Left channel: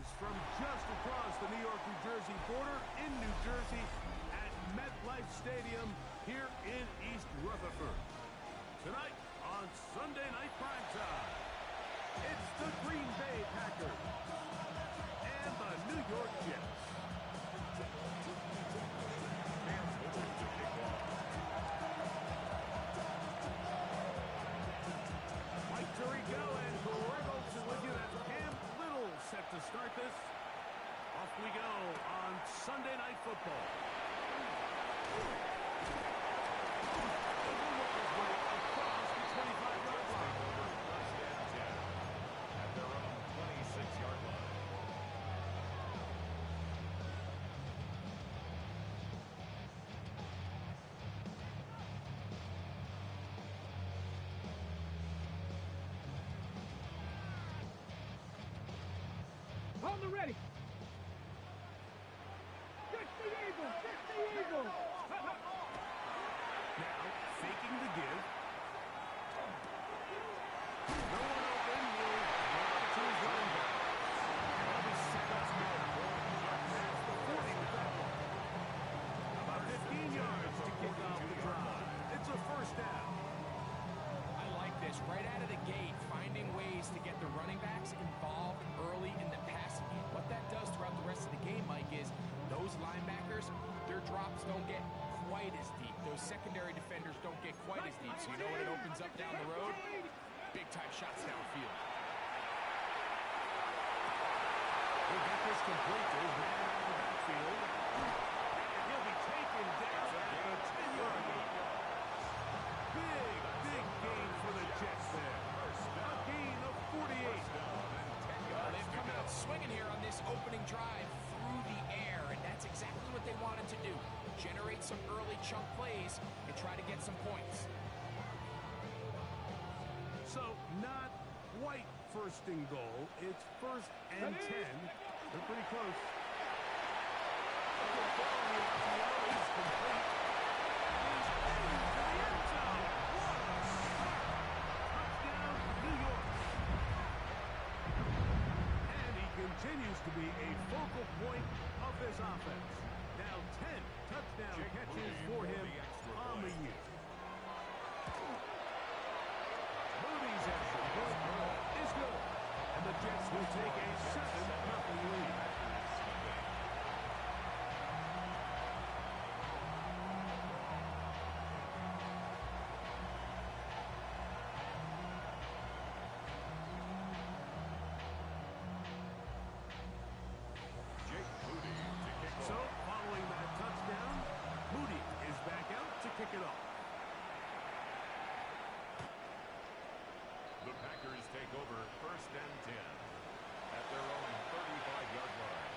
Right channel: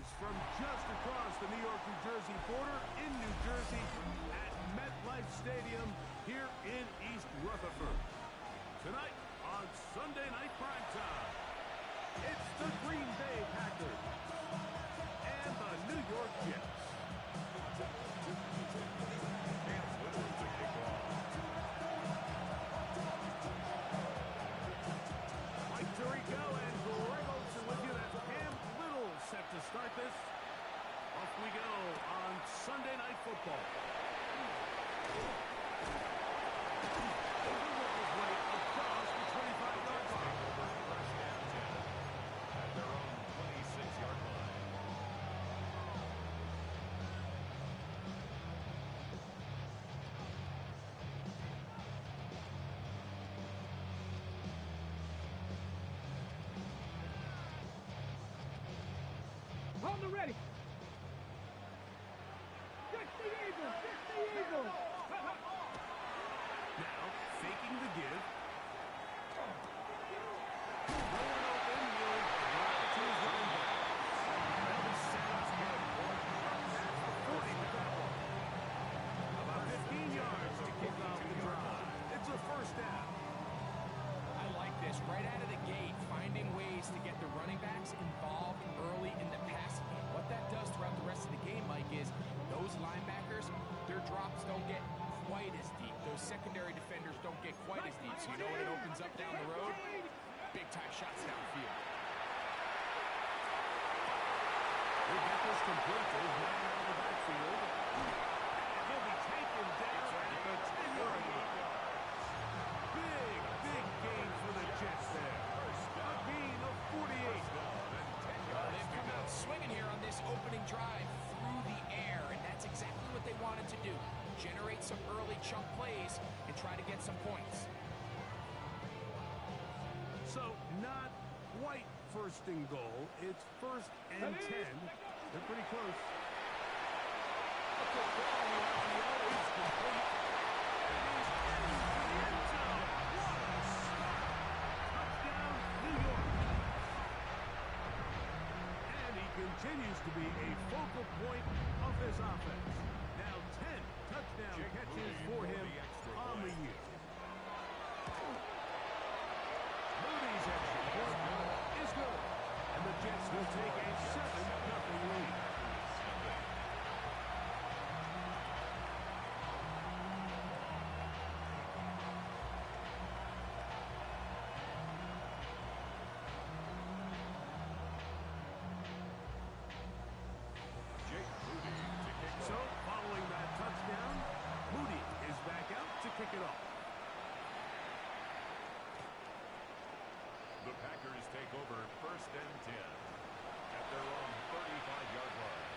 Greetings from just across the New York-New Jersey border in New Jersey at MetLife Stadium here in East Rutherford. Tonight on Sunday Night Primetime, it's the Green Bay Packers and the New York Jets. Mike Tirico and Greg Olsen with you. That's Cam Little set to start this. Off we go on Sunday Night Football. He'll work his way across the 25-yard line. Over first and 10 at their own 26-yard line. Hold them ready. Get the Eagle! Get the Eagle! Now, faking the give. No one open. He'll drop it to his running back. And they'll be set up good. Past the 40 with that one. About 15 yards to kick off the drive. It's a first down. I like this. Right out of the gate, finding ways to get the running backs involved early in the passing game. What that does throughout the rest of the game, Mike, is those linebackers, their drops don't get quite as deep. Those secondary defenders don't get quite as deep. So you know what it opens up down the road? Big-time shots downfield. He'll get this complete to his man out of the backfield. And he'll be taken down at the 10-yard line. Big gain for the Jets there. A gain of 48. They've come out swinging here on this opening drive through the air, and that's exactly what they wanted to do. Generate some early chunk plays and try to get some points. So, not quite first and goal. It's first and 10. They're pretty close. A quick throw on the RPO is complete. And he's into the end zone. What a start. Touchdown, New York. And he continues to be a focal point of this offense. Now 10 touchdown catches for him on the year. Moody's extra point is good. And the Jets will take a 7-0 lead. So, following that touchdown, Moody is back out to kick it off. The Packers take over first and 10 at their own 35-yard line.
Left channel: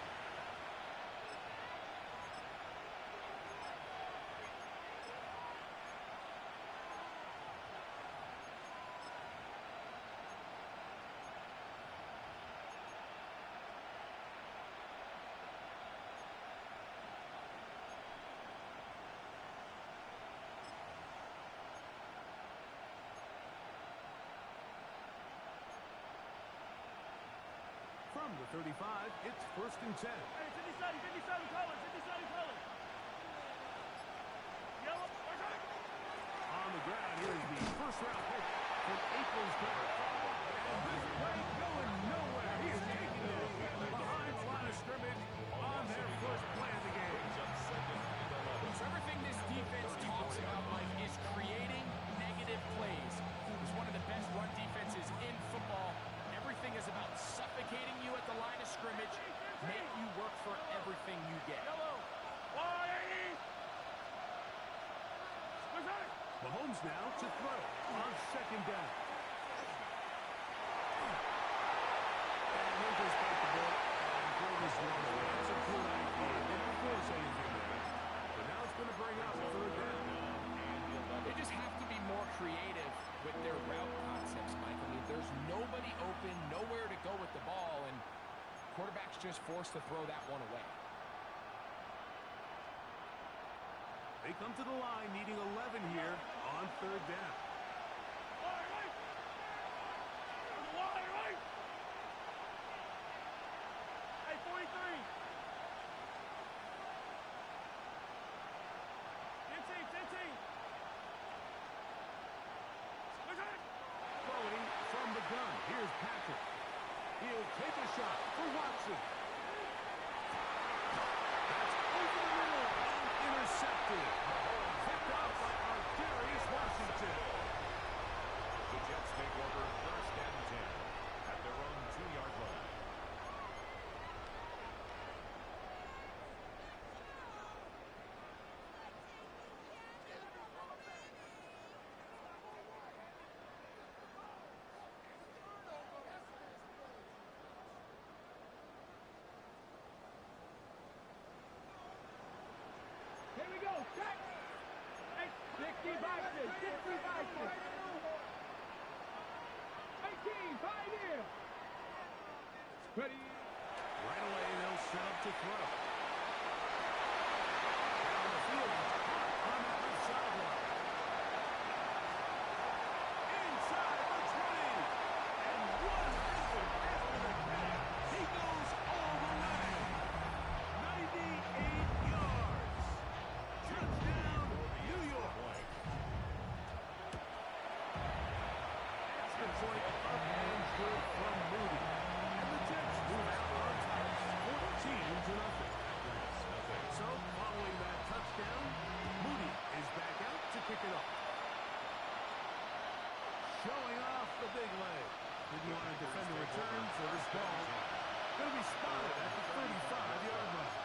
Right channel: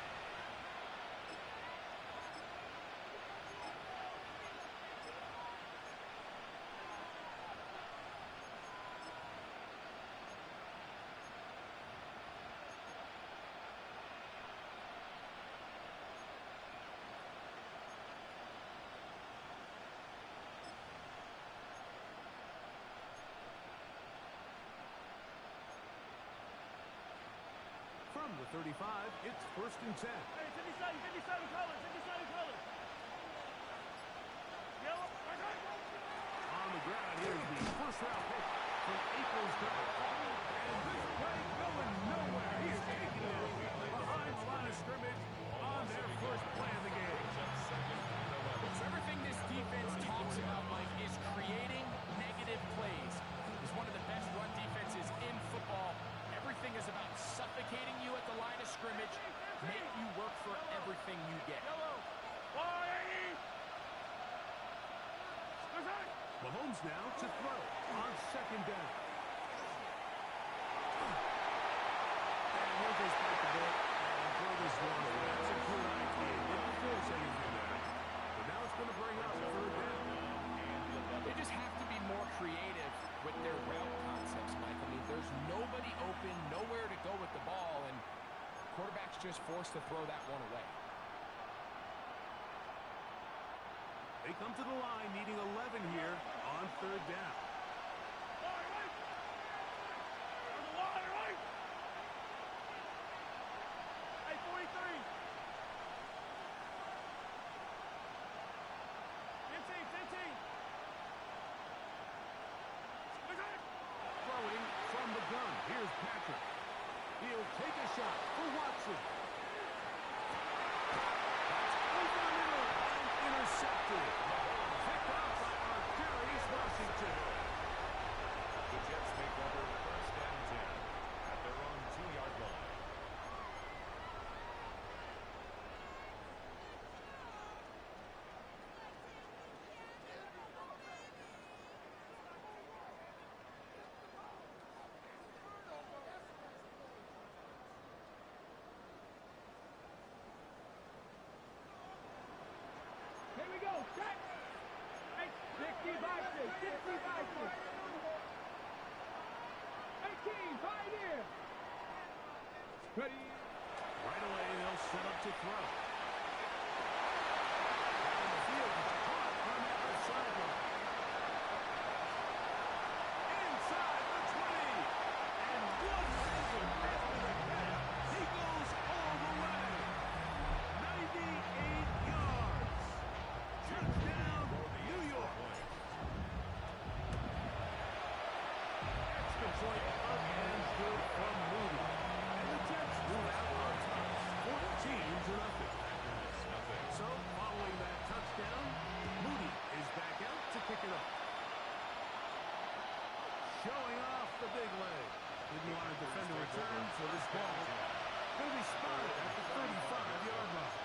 From the 35, it's first and 10. Hey, 57 colors, 57 colors. Yellow, On the ground, here's the first-round pick from April's draft. And this play going nowhere. He is taking it behind the line of scrimmage on their first play of the game. So everything this defense talks about, Mike, is creating negative plays. It's one of the best run defenses in football. Everything is about suffocating you at the line of scrimmage, make you work for everything you get. Mahomes now to throw on second down. And he'll just bite the bullet and throw this one away. That's a good idea. Didn't force anything there. But now it's going to bring up third down. They just have to be more creative with their route concepts, Mike. I mean, there's nobody open, nowhere to go with the ball, and quarterback's just forced to throw that one away. They come to the line needing 11 here on third down. three. 15. Throwing from the gun. Here's Patrick. He'll take a shot for Watson. That's over the middle and intercepted. Picked off by R2G Washington. The Jets take over first and 10 at their own 2-yard line. Here we go. Check. Hey, 60 boxes. 60 boxes. 18. Pioneer. Ready. Right away, they'll set up to throw. Down the field, it's caught on that left sideline. Inside the 20. And one answer after the catch. He goes all the way. 98 yards. Touchdown, New York. Extra point up and good from Moody. And the Jets move out on top, 14-0. So, following that touchdown, Moody is back out to kick it off. Showing off the big leg. Didn't want to defend a return, so this ball going to be spotted at the 35-yard line.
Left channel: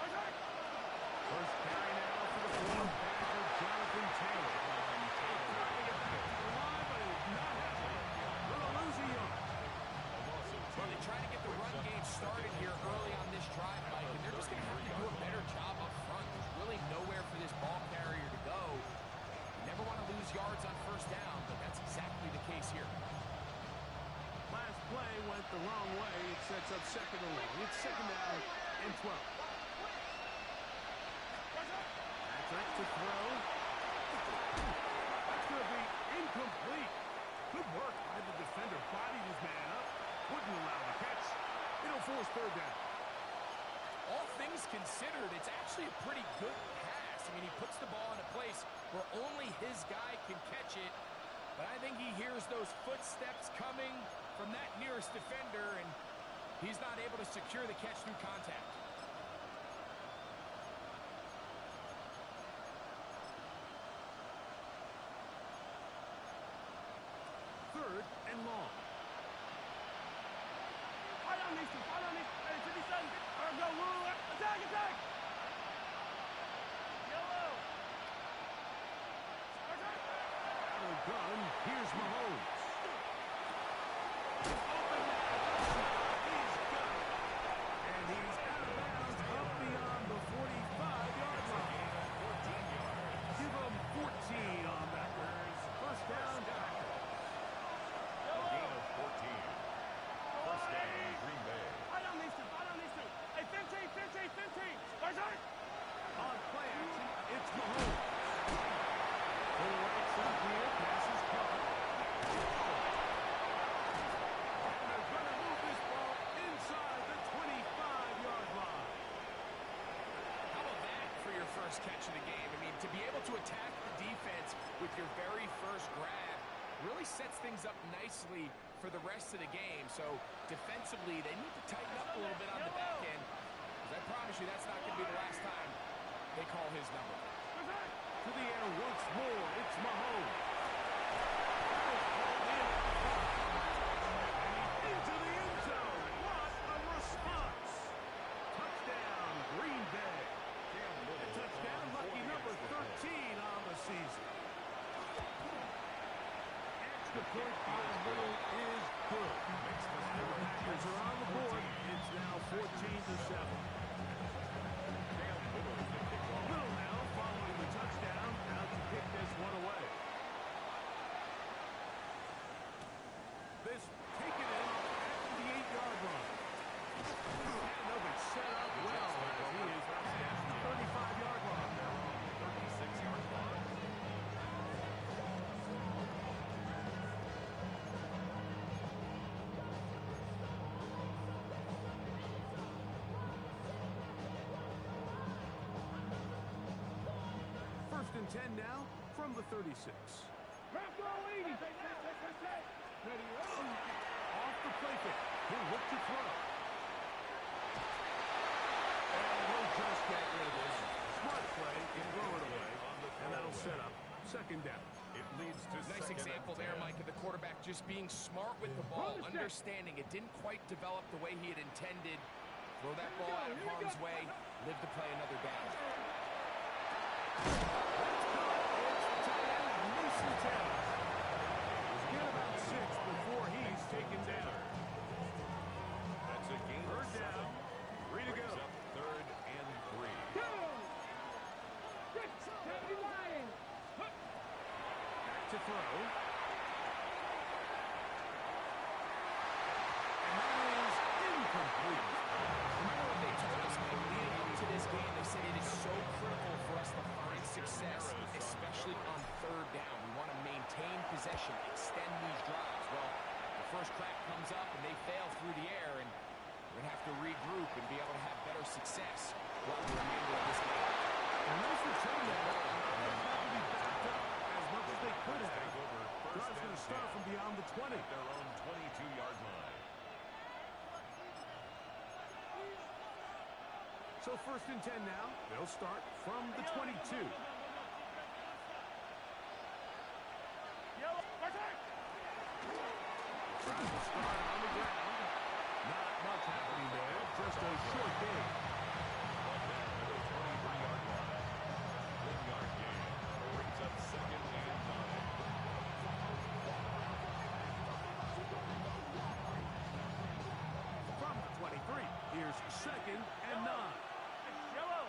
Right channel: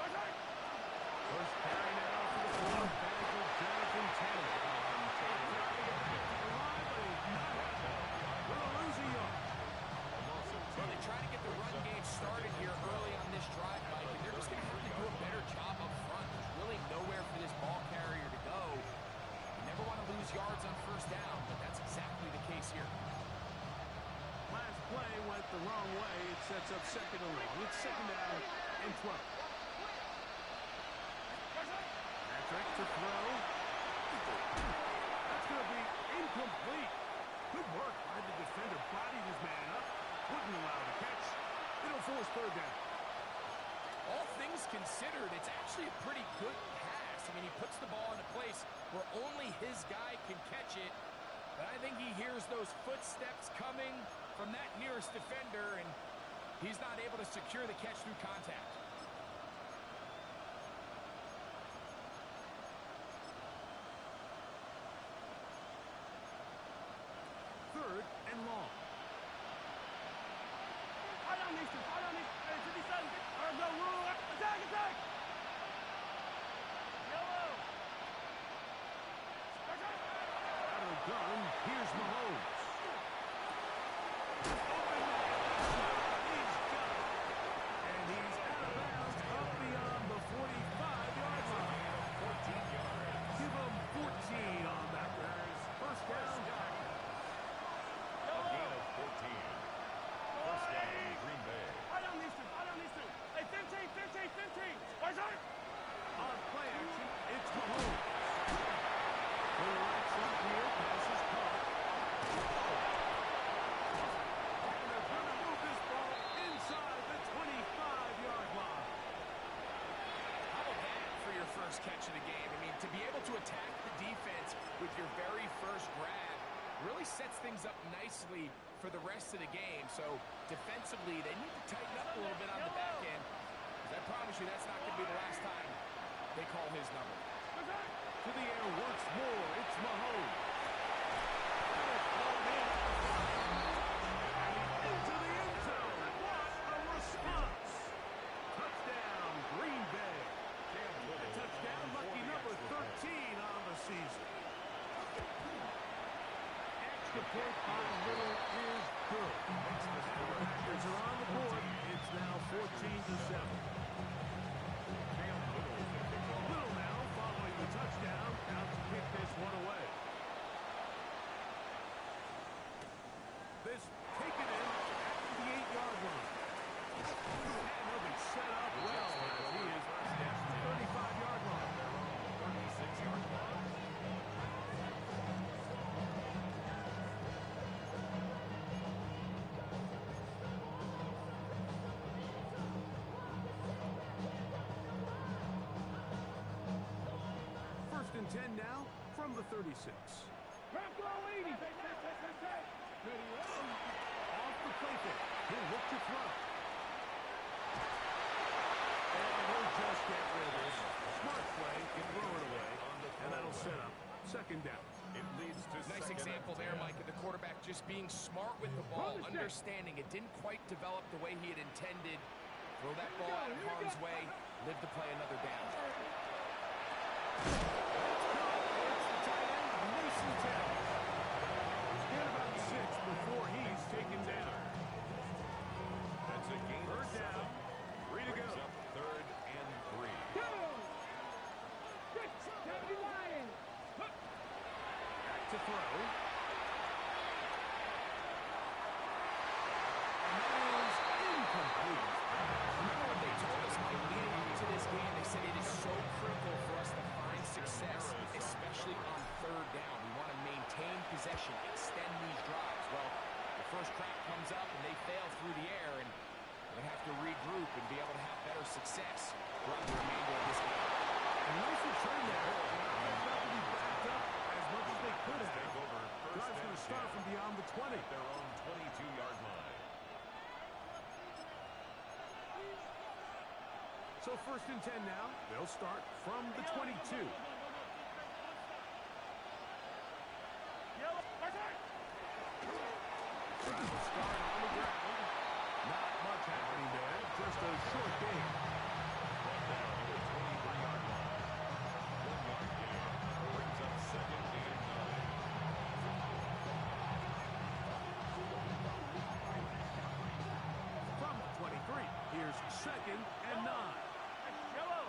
Attack! First carry now for the fullback of Jonathan Taylor. Trying to get back to the line, but he's not happening. Gonna lose a yard. Well, they try to get the run game started here early on this drive, Mike, and they're just going to have to do a better job up front. There's really nowhere for this ball carrier to go. You never want to lose yards on first down, but that's exactly the case here. Last play went the wrong way. It sets up second and long. It's second down and 12. Patrick to throw. That's going to be incomplete. Good work by the defender. Bodied his man up. Wouldn't allow the catch. It'll force third down. All things considered, it's actually a pretty good pass. I mean, he puts the ball in a place where only his guy can catch it. But I think he hears those footsteps coming from that nearest defender, and he's not able to secure the catch through contact. Third and long. Fight on these two. Fight on these. Hey, 57. Go. Attack. Yellow. Out of the gun, here's Mahomes. Open man, left side, he's got it. And he's out of bounds up beyond the 45-yard line. 14 yards. Give him 14 on that. First down, Packers. A gain of 14. First down, Green Bay. Fight on these two. Hey, 15. On play action, it's Mahomes. To the right side here, pass is caught. And they're going to move this ball inside the 25-yard line. How about that for your first catch of the game? I mean, to be able to attack the defense with your very first grab really sets things up nicely for the rest of the game. So defensively, they need to tighten up a little bit on the back end. Because I promise you that's not going to be the last time they call his number. To the air once more, it's Mahomes. That is pulled in at the 5. And he's into the end zone. What a response. Touchdown, Green Bay. A touchdown, lucky number 13 on the season. Extra point by Little is good. And the Packers are on the board. It's now 14-7. Little now following the touchdown. and 10 now from the 36. Drop throw 80. Ready, roll. Off the play fake. He'll look to throw. And he'll just get rid of this. Smart play, throw it away, and that'll set up second down. It leads to Nice example there, Mike, of the quarterback just being smart with the ball, understanding it didn't quite develop the way he had intended. Throw that ball out of harm's way, live to play another down. That's caught. It's the tight end, Mason Taylor. He's got about 6 before he's taken down. That's a gain of Third down. 7. 3 to go. Brings up 3rd and 3. Go! Good. Deputy Lion. Back to throw. And that is incomplete. Remember what they told us, Mike, leading up to this game? They said it is so critical for us to find success, especially on 3rd down. We want to maintain possession, extend these drives. Well, the first crack comes up and they fail through the air, and we're going to have to regroup and be able to have better success throughout the remainder of this game. And nice return there. Not to be backed up as much as they could have. Take over Drive's 1st going and to start 10 from beyond the 20. at their own 22-yard line. So 1st and 10 now. They'll start from the 22. Yellow. Trying to start on the ground. Not much happening there. Just a short gain. Brought down at the 23-yard line. 1-yard gain brings up 2nd and 9. From the 23, here's 2nd and 9. Yellow.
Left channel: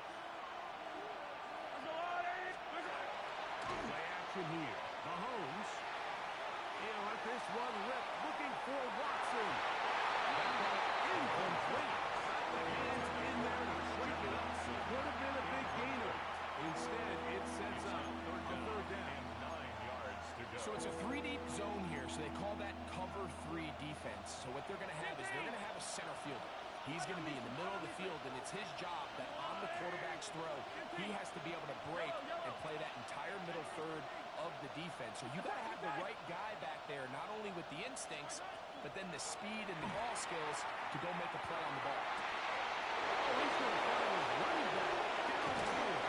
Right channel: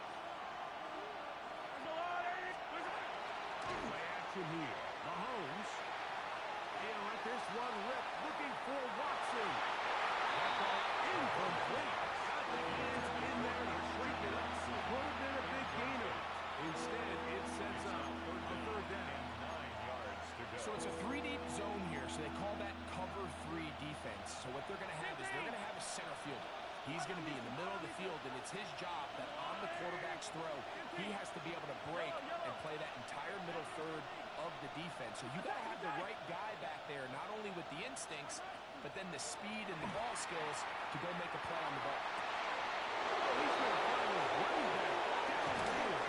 Play action here. Mahomes. He'll let this one rip, looking for Watson. That ball incomplete. Got the hands in there to break it up. Would have been a big gainer. Instead, it sets up a 3rd down. And 9 yards to go. So it's a 3-deep zone here, so they call that cover 3 defense. So what they're going to have is they're going to have a center fielder. He's going to be in the middle of the field, and it's his job that on the quarterback's throw, he has to be able to break and play that entire middle third of the defense. So you got to have the right guy back there, not only with the instincts, but then the speed and the ball skills to go make a play on the ball. Oh, he's going to find his running back downfield.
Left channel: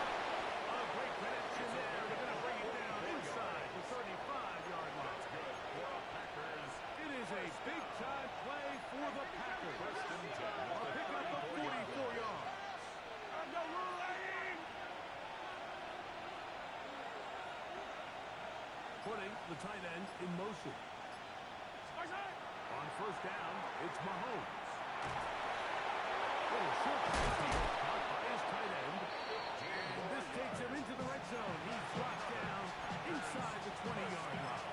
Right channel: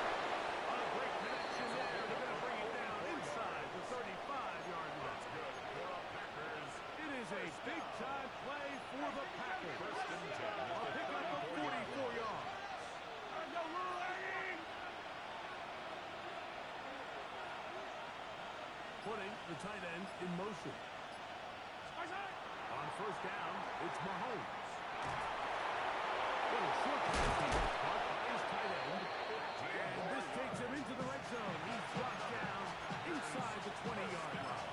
A great connection there. They're going to bring it down inside the 35-yard line. That's good for the Packers. It is a big-time play for the Packers. 1st and 10 at A the pickup of 44 yards. Putting the tight end in motion. On 1st down, it's Mahomes. Little short pass here, caught by his tight end. And this takes him into the red zone. He drops down inside the 20-yard line.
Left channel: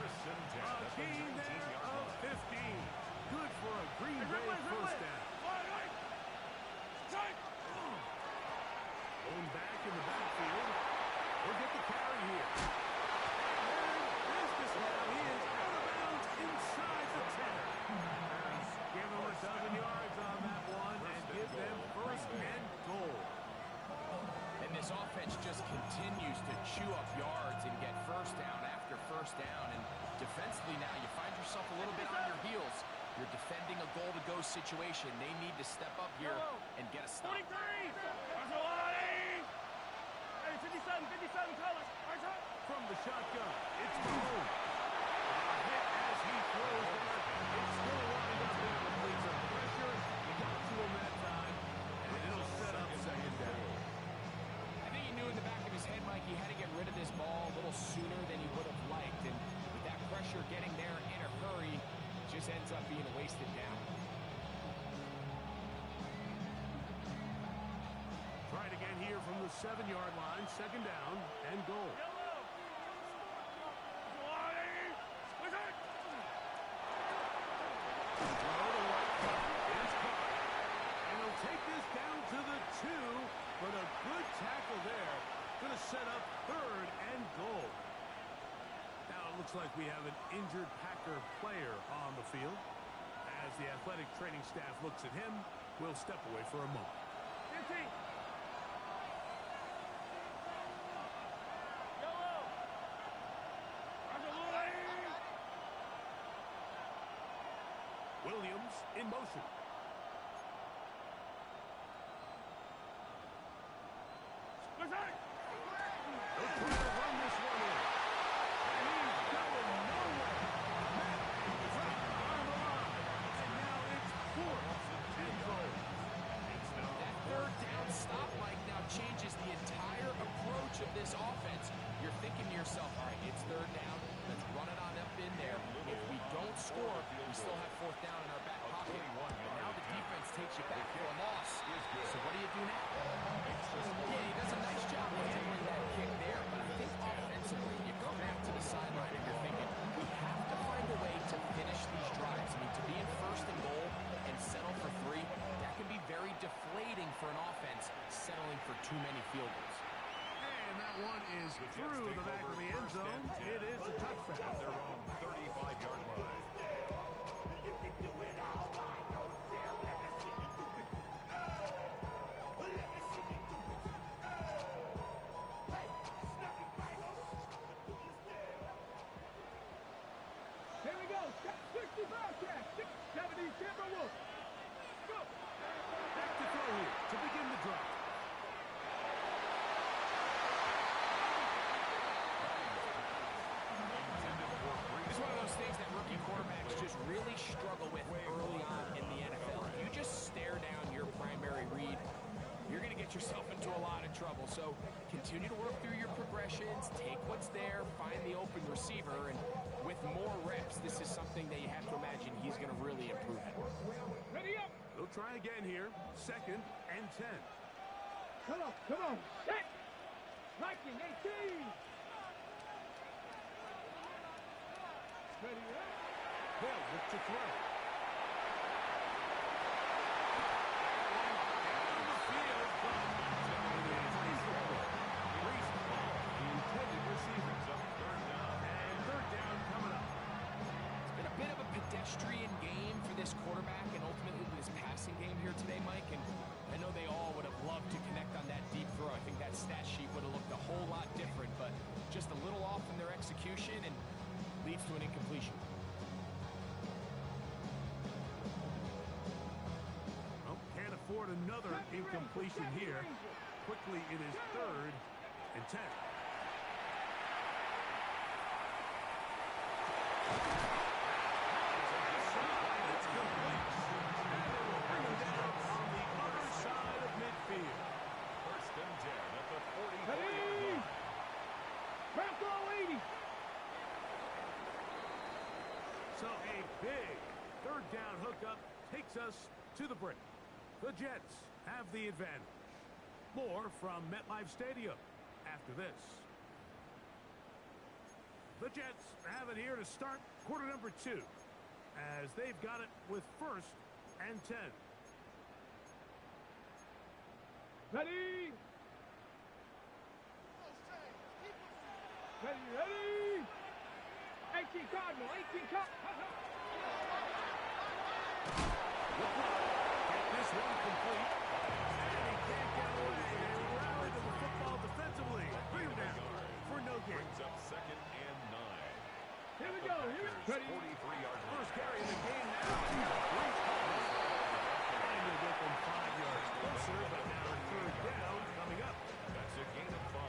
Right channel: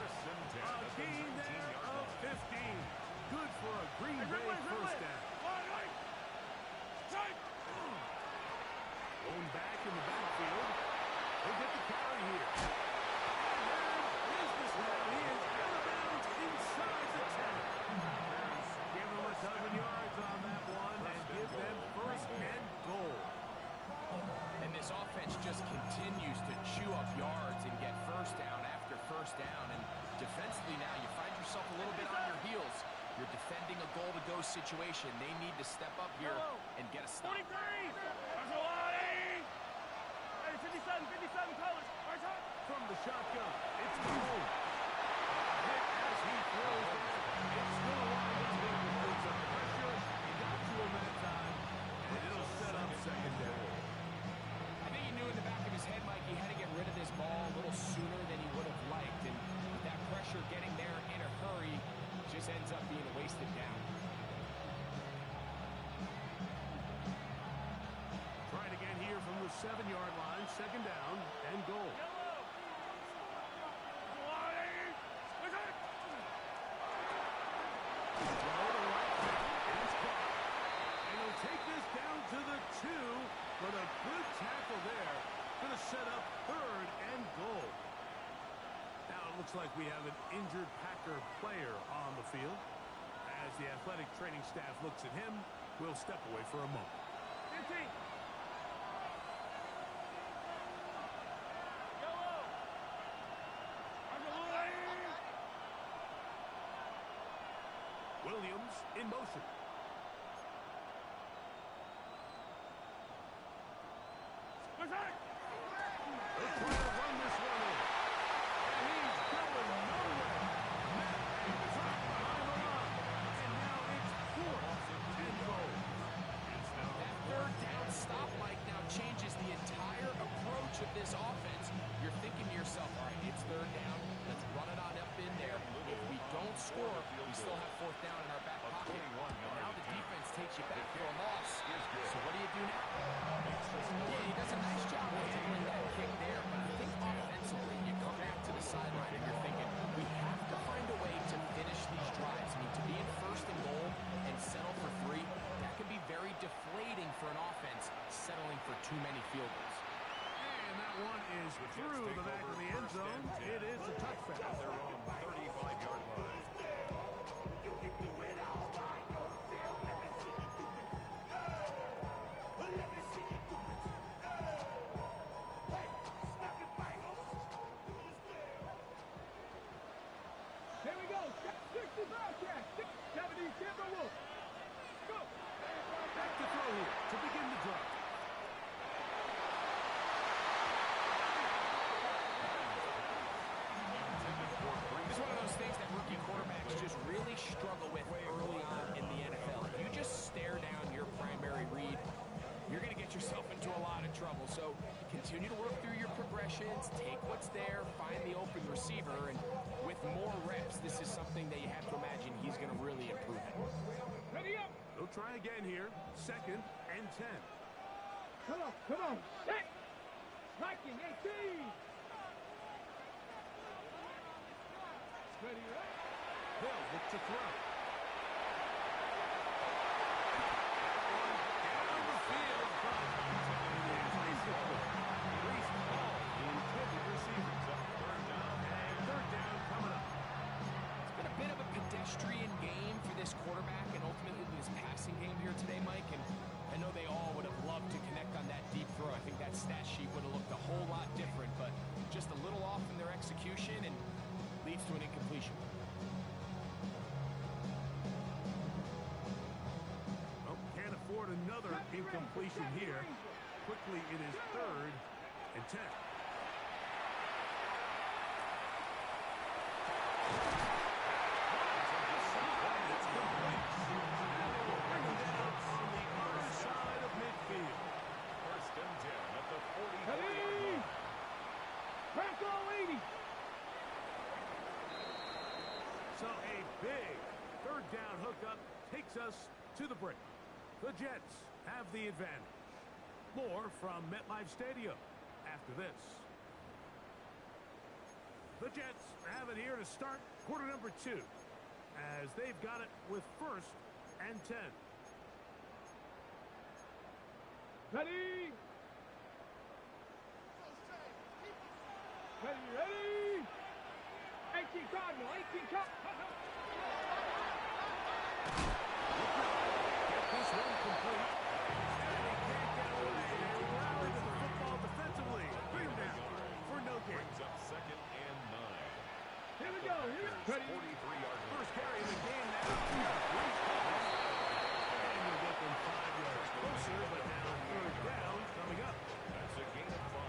1st and 10 A at the gain there 19-yard of line. 15. Good for a Green Bay 1st down. Going back in the backfield. He'll get the carry here. And they're in business now. He is out of bounds inside the 10. Packers give him a dozen yards on that one and give them 1st and goal. And this offense just continues to chew up yards and get 1st down after 1st down. And defensively now, you find yourself a little bit on your heels. You're defending a goal-to-go situation. They need to step up here and get a stop. 53. 57 colors. From the shotgun, it's Mahomes. A hit as he throws there. It's going to wind up incomplete. The pressure got to him that time, and it'll set up 2nd down. I think he knew in the back of his head, Mike, he had to get rid of this ball a little sooner than he would have liked. And with that pressure getting there in a hurry, it just ends up being a wasted down. Try it again here from the 7-yard line. 2nd down and goal. Throw to right side. It is caught. And he'll take this down to the 2, but a good tackle there. Going to set up 3rd and goal. Now it looks like we have an injured Packer player on the field. As the athletic training staff looks at him, we'll step away for a moment. 15. Williams in motion. They're trying to run this one in. And he's going nowhere. Met and dropped behind the line. And now it's 4th and goal. That third down stop, Mike, now changes the entire approach of this offense. You're thinking to yourself, all right, it's third down. Let's run it on up in there. If we don't score, we still have 4th down in our back pocket. And now the defense takes you back for a loss. So what do you do now? Yeah, he does a nice job of handling that kick there. But I think offensively, you come back to the sideline and you're thinking, we have to find a way to finish these drives. I mean, to be in 1st and goal and settle for 3, that can be very deflating for an offense settling for too many field goals. And that one is through the back of the end zone. It is a touchback. At their own 35-yard line. Here we go. 60 Bobcat. 70 Timberwolves. Go. Back to throw here to begin the drive. It's one of those things that rookie quarterbacks just really struggle with early on in the NFL. If you just stare down your primary read, you're going to get yourself into a lot of trouble. So continue to work through your progressions, take what's there, find the open receiver, and with more reps, this is something that you have to imagine he's going to really improve at. Ready up. They'll try again here. 2nd and 10. Come on. Come on. Set. Striking 18. Ready up. They'll look to throw. Down the field, but it is incomplete. Reese Hall, the intended receiver. Third down. And 3rd down coming up. It's been a bit of a pedestrian game for this quarterback and ultimately this passing game here today, Mike. And I know they all would have loved to connect on that deep throw. I think that stat sheet would have looked a whole lot different, but just a little off in their execution and leads to an incompletion. Well, can't afford another incompletion here. Quickly, it is 3rd and 10. It's complete. And they will bring him down on the other side of midfield. 1st and 10 at the 44-yard Ready. line. Franco 80. So a big 3rd down hookup takes us to the break. The Jets have the advantage. More from MetLife Stadium after this. The Jets have it here to start quarter number 2 as they've got it with 1st and 10. Ready. Ready. 18 Cardinal. 18 Cardinal. Get this one complete. And he can't get away. They rally to the football defensively. Bring him down for no gain. Brings up 2nd and 9. Here we go. Ready. 43-yard line. First carry of the game now. Reese Hall. And you'll get them 5 yards closer, but now 3rd down coming up. That's a gain of 5.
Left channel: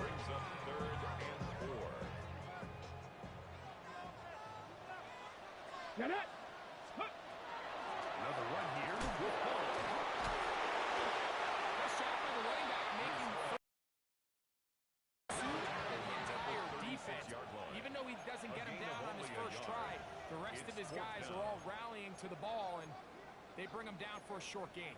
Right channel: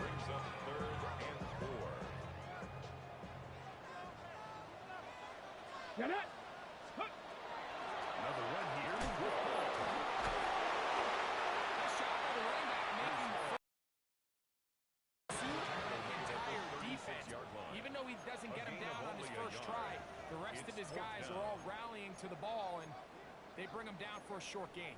Brings up 3rd and 4. Get it. Another run here with Hall. Nice job by the running back making pursuit of the entire defense. Even though he doesn't get him down on his first try, the rest of his guys are all rallying to the ball, and they bring him down for a short gain.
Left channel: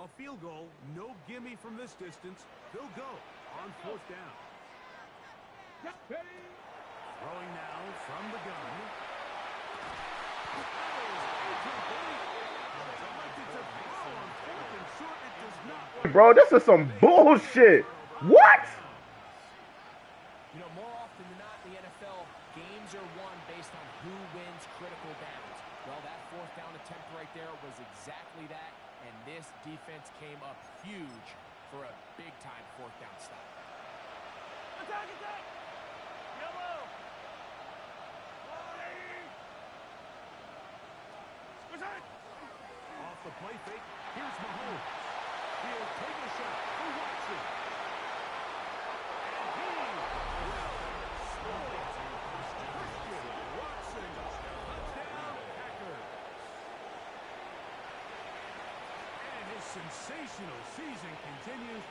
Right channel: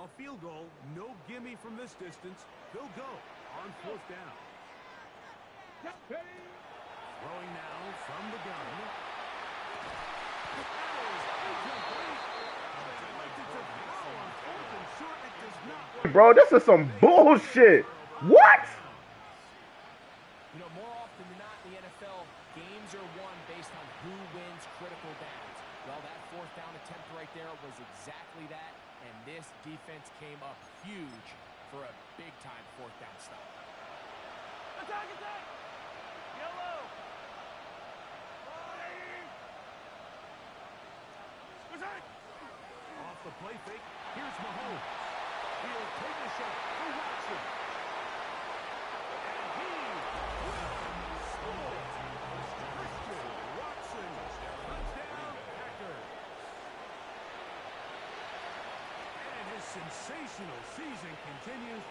A field goal, no gimme from this distance. They'll go on 4th down. Throwing now from the gun. That is incomplete. They elected to throw on 4th and short. It does not work. Bro, this is some bullshit. What? You know, more often than not in the NFL, game attempt right there was exactly that, and this defense came up huge for a big-time fourth down stop. Attack, attack! Yellow! Attack! Off the play fake, here's Mahomes. He'll take a shot for Watson. And he will score. Christian Watson, touchdown Packers. And his sensational season continues.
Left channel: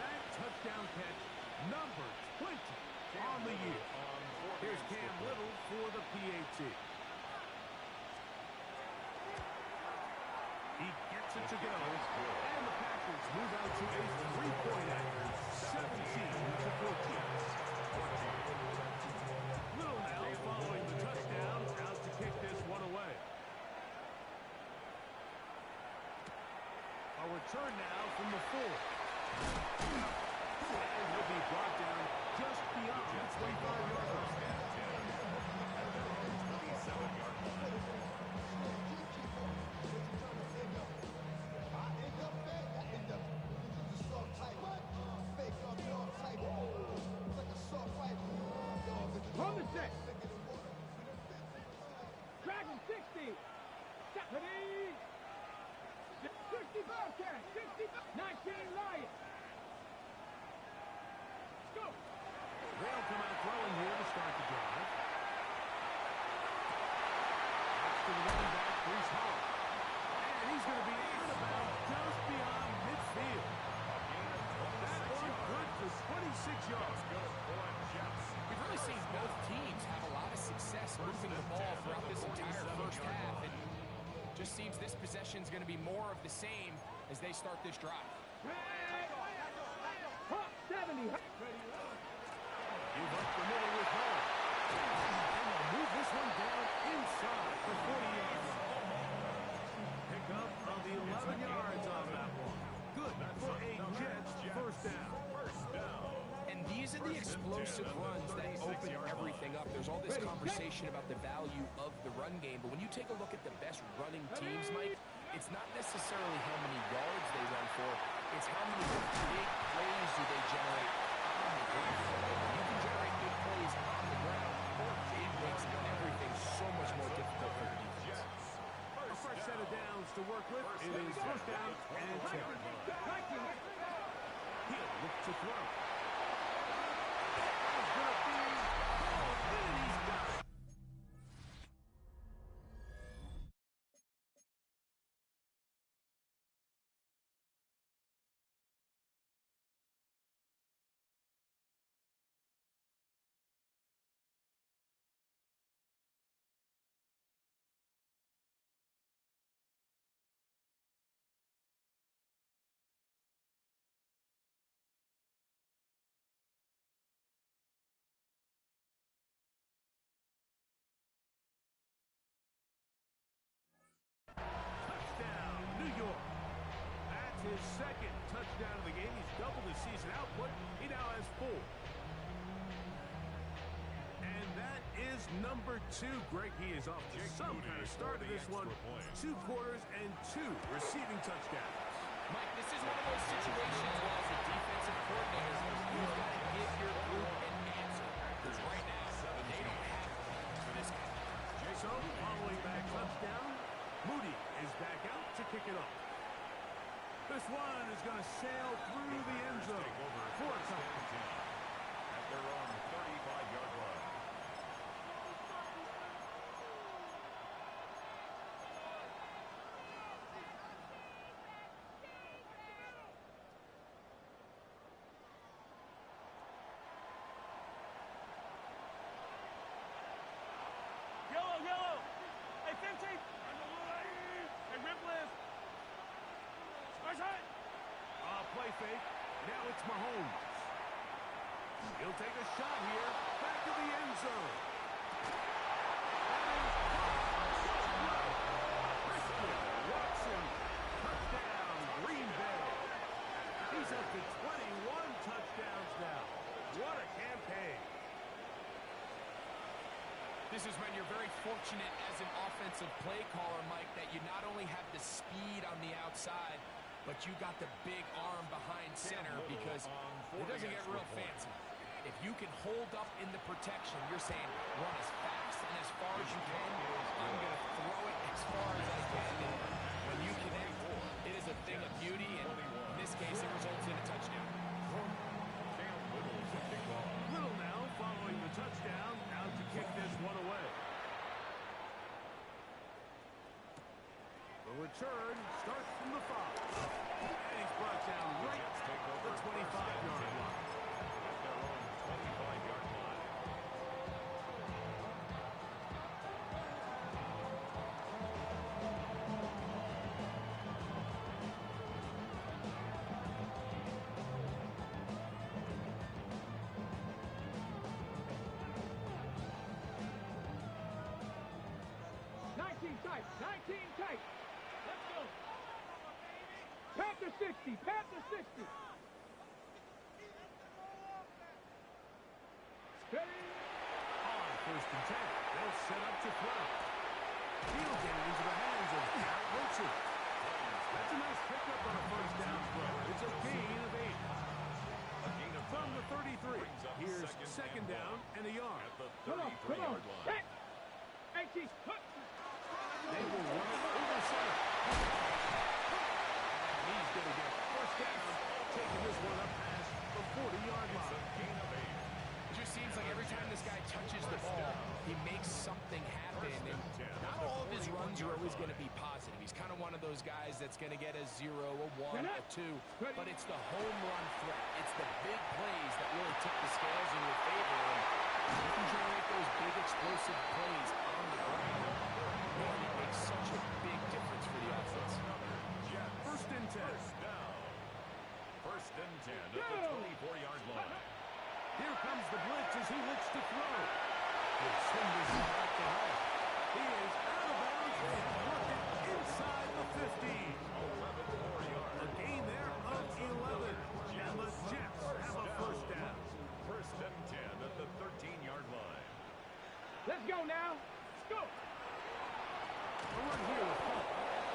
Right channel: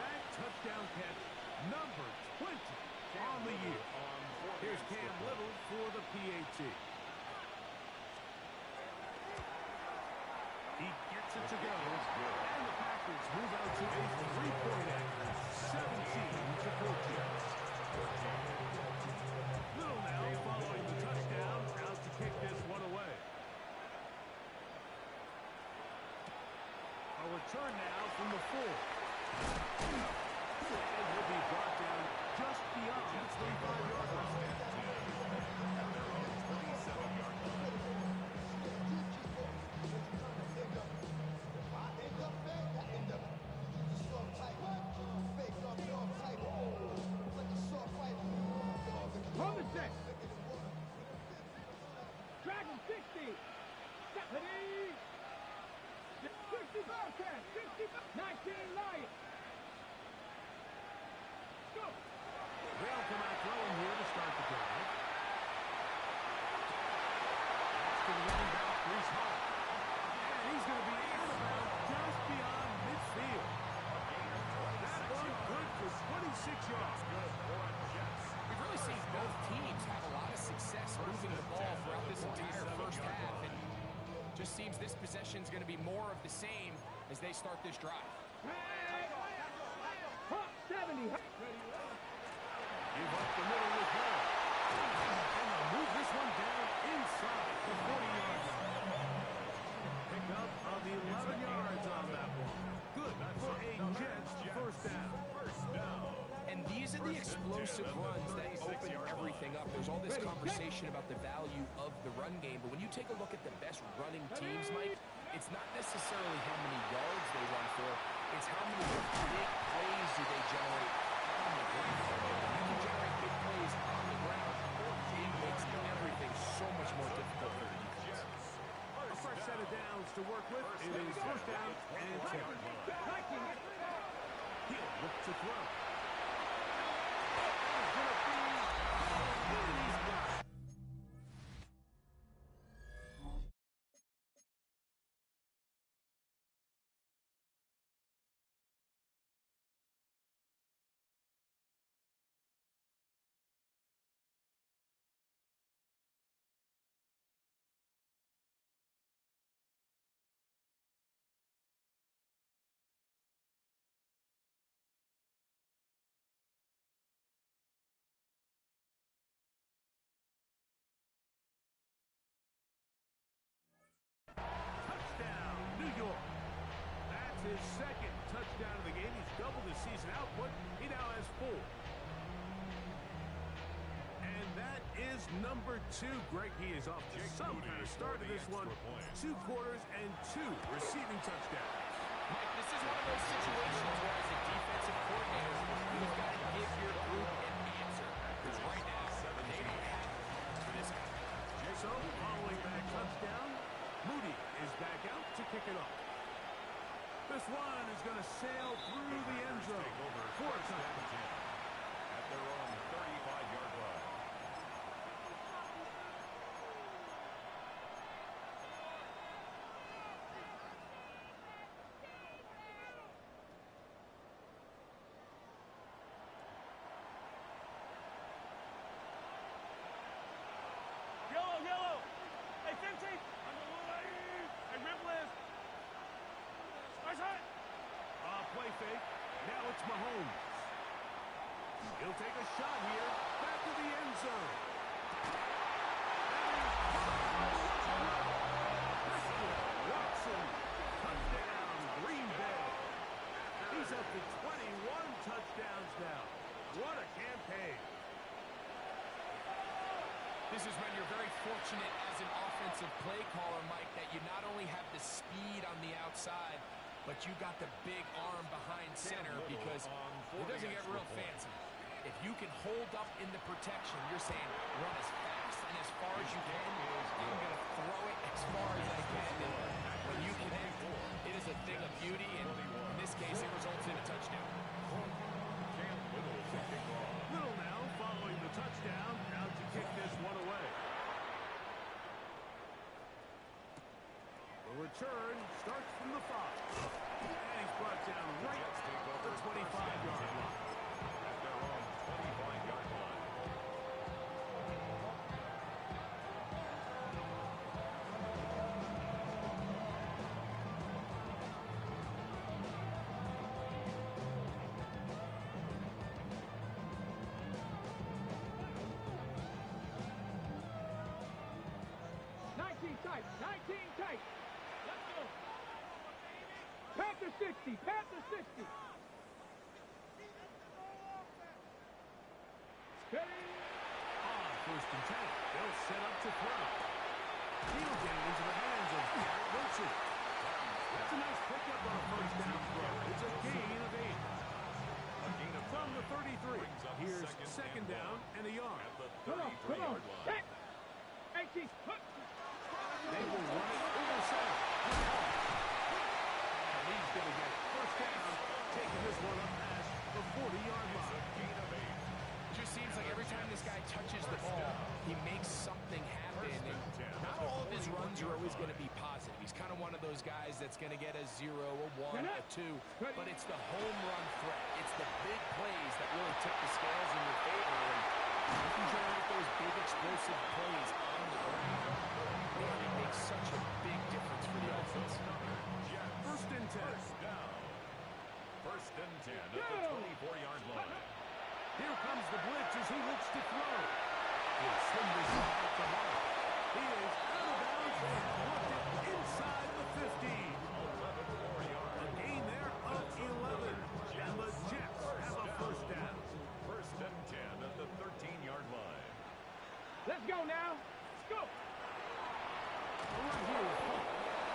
That touchdown catch, number 20 on the year. Here's Cam Little for the PAT. He gets it to go, and the Packers move out to a 3-point accuracy, 17-14. Little now following the touchdown, out to kick this one away. A return now from the 4. And he'll be brought down just beyond the 25-yard line. At their own 27-yard line. From the set. Dragon 60. Stephanie. 60 Bearcat. 60. 19 Lion. Go. They'll come out throwing here to start the drive. Next to the running back, Brees Hall. And he's going to be out of bounds just beyond midfield. A gain of 26 That one yards. good for 26 yards. Good for a Jets. We've really seen both teams have a lot of success moving the ball throughout this entire first half, and just seems this possession is going to be more of the same as they start this drive. 70. Give up the middle with Hall. And they'll move this one down inside the 40-yard line. Pick up of 11 yards on that one. Good for a Jets first down. And these are the explosive runs that open everything up. There's all this conversation about the value of the run game, but when you take a look at the best running teams, Mike, it's not necessarily how many yards they run for, it's how many big plays do they generate on the ground. And when you can generate big plays on the ground, it makes everything so much more difficult for the defense. A fresh set of downs to work with. It is first down and 10. He'll look to throw. That is going to be and he's got it. Touchdown, New York. That's his second touchdown of the game. He's doubled his season output. He now has 4. And that is number 2. Greg, he is off to some kind of start to this one. 2 quarters and 2 receiving touchdowns. Mike, this is one of those situations where as a defensive coordinator, you've got to give your group an answer. Because right now, they don't have one for this guy. So, following that touchdown, Moody is back out to kick it off. This one is going to sail through the end zone for a touchdown. At their own 35-yard line. Yellow. Hey, 15. Hey, Ripley. Play fake. Now it's Mahomes. He'll take a shot here. Back to the end zone. That is Christian Watson. Touchdown, Green Bay. He's up to 21 touchdowns now. What a campaign. This is when you're very fortunate as an offensive play caller, Mike, that you not only have the speed on the outside, but you got the big arm behind center because it doesn't get real fancy. If you can hold up in the protection, you're saying run as fast and as far as you can. I'm going to throw it as far as I can. And when you connect, it is a thing of beauty. And in this case, it results in a touchdown. Little now following the touchdown, out to kick this one away. The return starts from the 5. And he's brought down right at the 25-yard line. At their own 25-yard line. Tight, 19 tight. Let's go. Panther 60, Panther 60. Steady. On 1st and 10, they'll set up to throw. He'll get it into the hands of Garrett Wilson. That's a nice pickup on a 1st down throw. It's a gain of 8. From the 33, here's 2nd down and a yard. At the Come on. 33-yard line. 18. They will run it over center. And he's going to get 1st down, taking this one up past the 40-yard It's line. a gain of 8. It just seems like every time this guy touches the ball, he makes something happen. And not all of his runs are always going to be positive. He's kind of one of those guys that's going to get a 0, a 1, a 2. But it's the home run threat. It's the big plays that really tip the scales in your favor. And you can generate those big explosive plays on the ground. Man, it makes such a big difference for the offense. 1st and 10. First down. 1st and 10 at the 24-yard line. Here comes the blitz as he looks to throw. He'll send this one out to home. He is out of bounds. They have worked it inside the 15. 11 more yards. A gain there of 11. And the Jets have a 1st down. 1st and 10 at the 13-yard line. Let's go now. Let's go. A run here with Paul.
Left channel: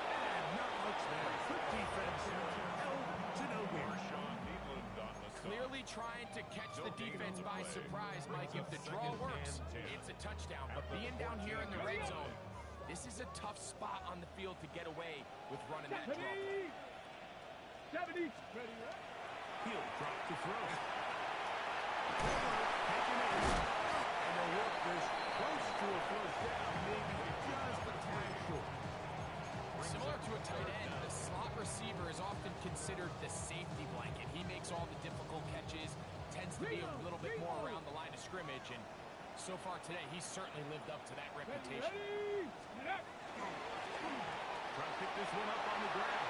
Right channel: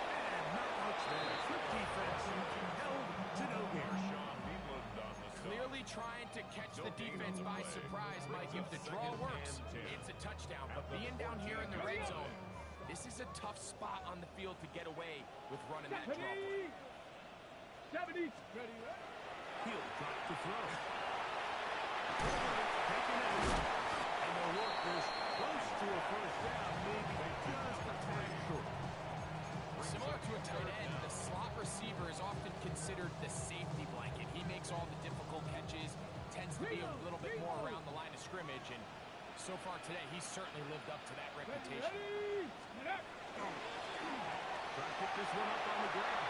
And not much there. Quick defense held to no gain. Marshawn Needland on the stop. Clearly trying to catch the defense by surprise, Mike. If the draw works, it's a touchdown. But being down here in the red zone, this is a tough spot on the field to get away with running that draw play. 70. Ready. He'll drop to throw. Taken in. And they'll work this close to a 1st down, maybe just a tad short. Similar to a tight end, the slot receiver is often considered the safety blanket. He makes all the difficult catches, tends to be a little bit more around the line of scrimmage, and so far today, he's certainly lived up to that reputation. Try to pick this one up on the ground.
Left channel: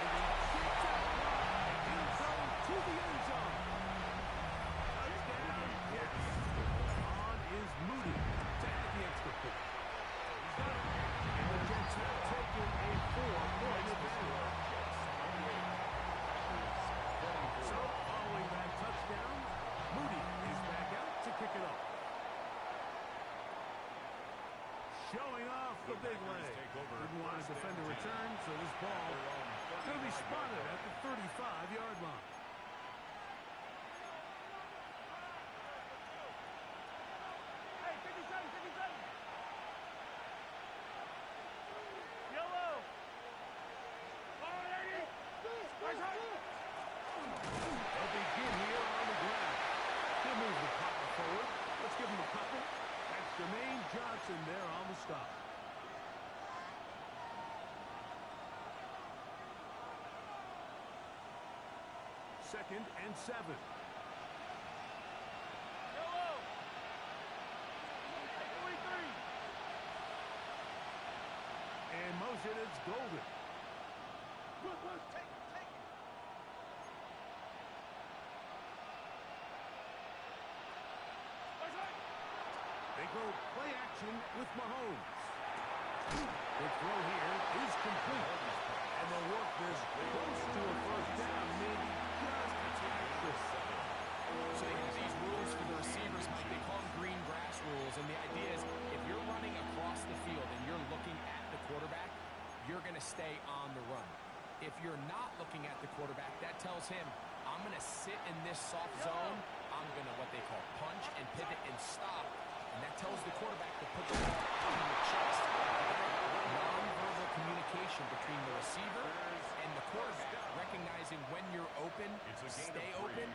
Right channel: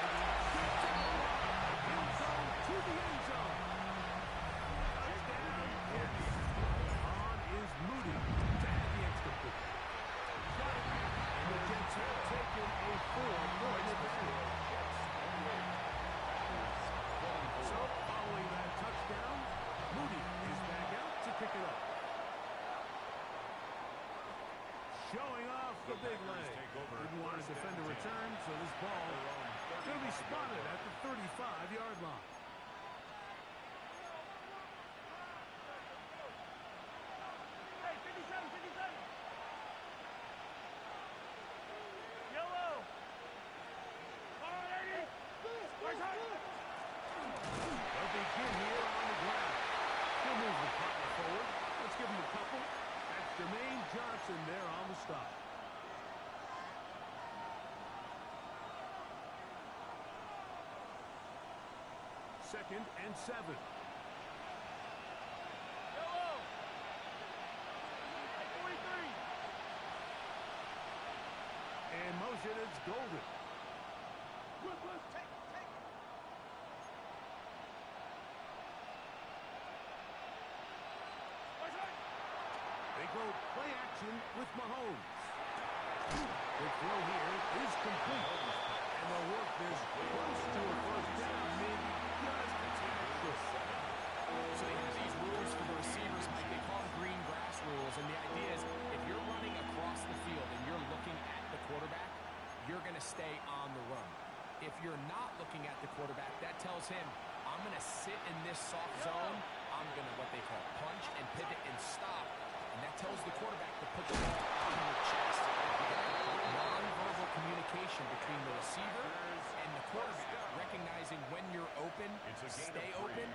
And he shoots out wide. He'll go to the end zone. Touchdown, Jets. On is Moody to add the extra point. He's got it. And the Jets have taken a 4-point advantage. So, following that touchdown, Moody is back out to kick it off. Showing off the big leg. Didn't want to defend a return, so this ball is going to be spotted at the 35-yard line. Hey, 57, 57. Yellow. Alrighty. They'll begin here on the ground. He'll move the partner forward. Let's give him a couple. That's Jermaine Johnson there on the stop. Second and 7. Yellow. 43. And motion, it's Golden. Take it. They go play action with Mahomes. The throw here is complete. And they'll work this close to a 1st down, maybe just a tad short. So they have these rules for the receivers, Mike. They call them green grass rules, and the idea is stay on the run. If you're not looking at the quarterback, that tells him, I'm going to sit in this soft zone. I'm going to what they call punch and pivot and stop. And that tells the quarterback to put the ball on your chest. Non-verbal communication between the receiver and the quarterback, recognizing when you're open, stay open.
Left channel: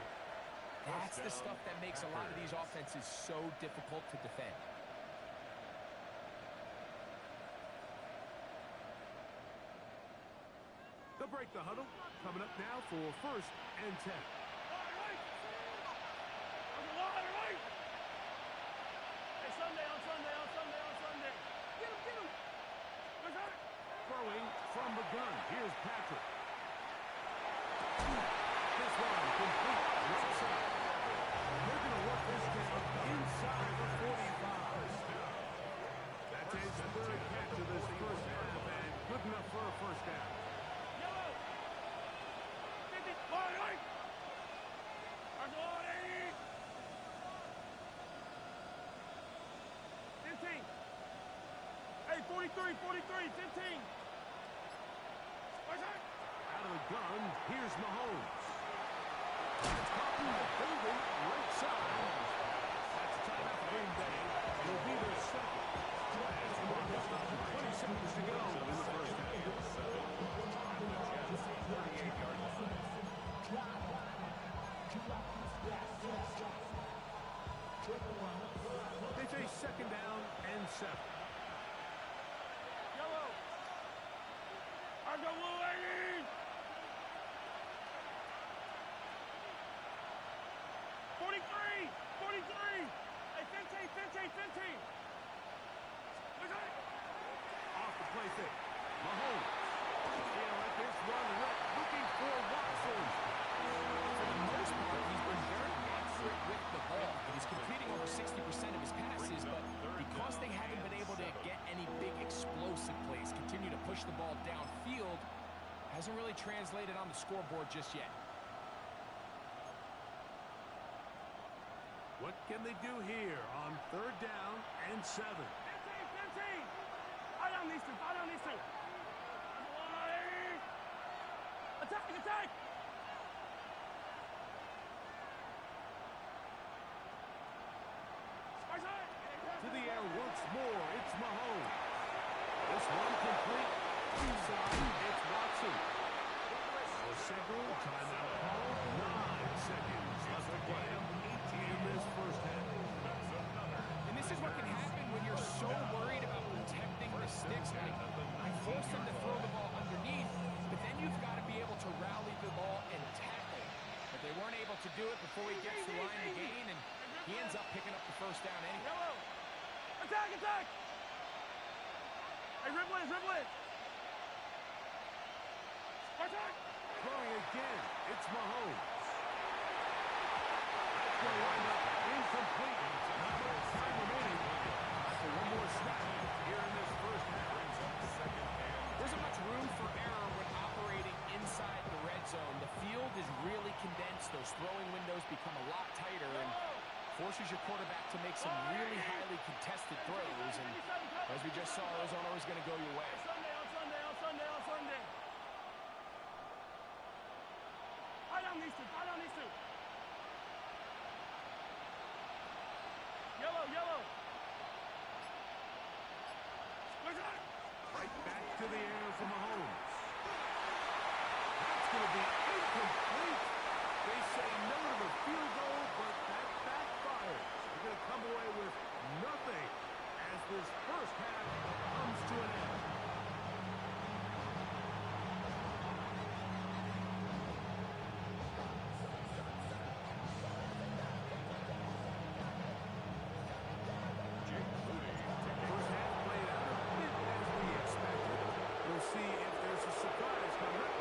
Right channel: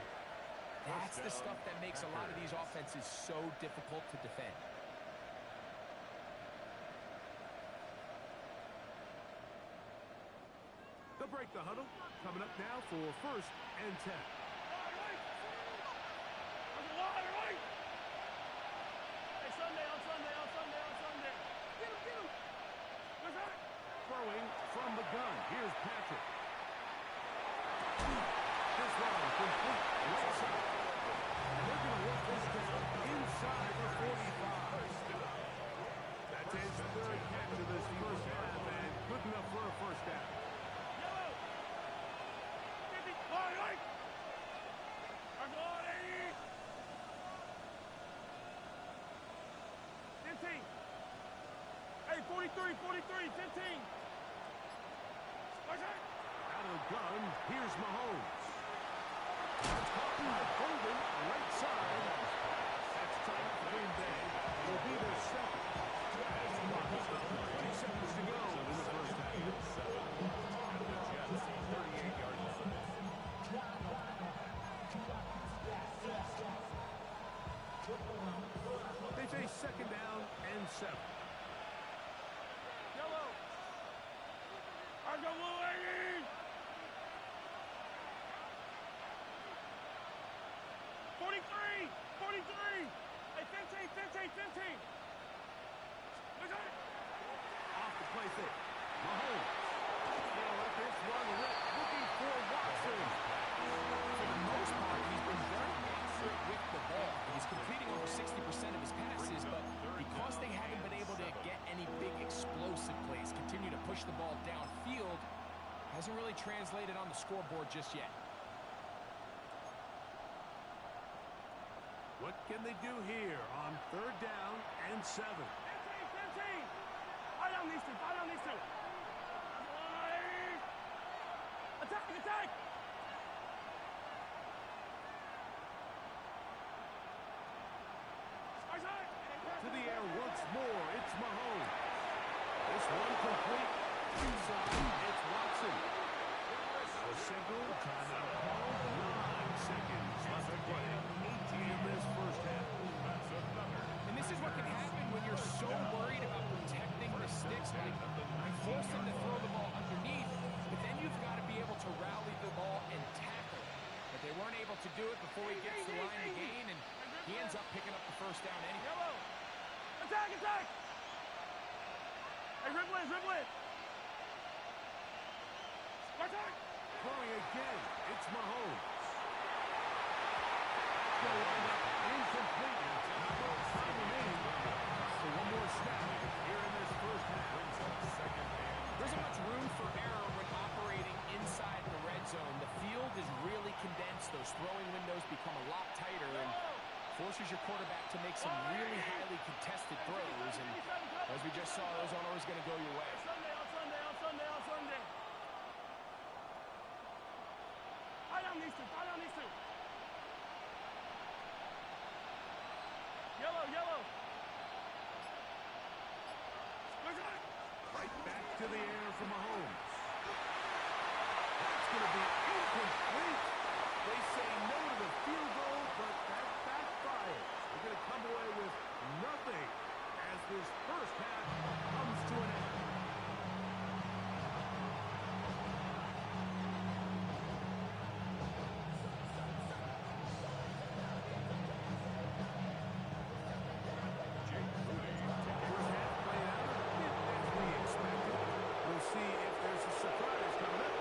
That's the stuff that makes a lot of these offenses so difficult to defend. They'll break the huddle. Coming up now for 1st and 10. Throwing from the gun. Here's Patrick. This run complete right side. They're going to work this down inside the 45. That's his 3rd catch of this first half, and good enough for a first down. Yellow. 50. Right. R2G. 15. Hey, 43, 15. Out of the gun, here's Mahomes. That's caught by Golden, right side. That's timeout for Green Bay. It'll be their second. 20 seconds to go in the first half. At the Jets' 38-yard line. They face 2nd down and 7. Yellow. R2G. 43. Hey, 15. Off the play fake. Mahomes. He'll let this run rip, looking for Watson. For the most part, he's been very accurate with the ball. He's completing over 60% of his passes, but because they haven't been able to get any big explosive plays, continue to push the ball downfield, hasn't really translated on the scoreboard just yet. What can they do here on 3rd down and 7? 15. Fight on these two. Attack. To the air once more, it's Mahomes. This one complete. Inside, it's Watson. Now a signal, timeout call. 9 seconds left to play. 18 in this first half. That's another. And this is what can happen when you're so worried about protecting the sticks. Like, you force them to throw the ball underneath, but then you've got to be able to rally the ball and tackle. But they weren't able to do it before he gets the line to gain, and he ends up picking up the first down anyway. Yellow. Attack. Hey, dribble it. Attack. Throwing again, it's Mahomes. That's going to wind up incomplete. Not much time remaining. Time for one more snap here in this first half. Brings up 2nd and. There isn't much room for error when operating inside the red zone. The field is really condensed. Those throwing windows become a lot tighter and forces your quarterback to make some really highly contested throws. And as we just saw, Arizona was going to go your way. On Sunday. Fight on these two. Yellow. Right back to the air for Mahomes. That's going to be incomplete. They say no to the field goal, but that backfires. They're going to come away with nothing as this first half comes to an end. First half played out a bit as we expected. We'll see if there's a surprise coming up.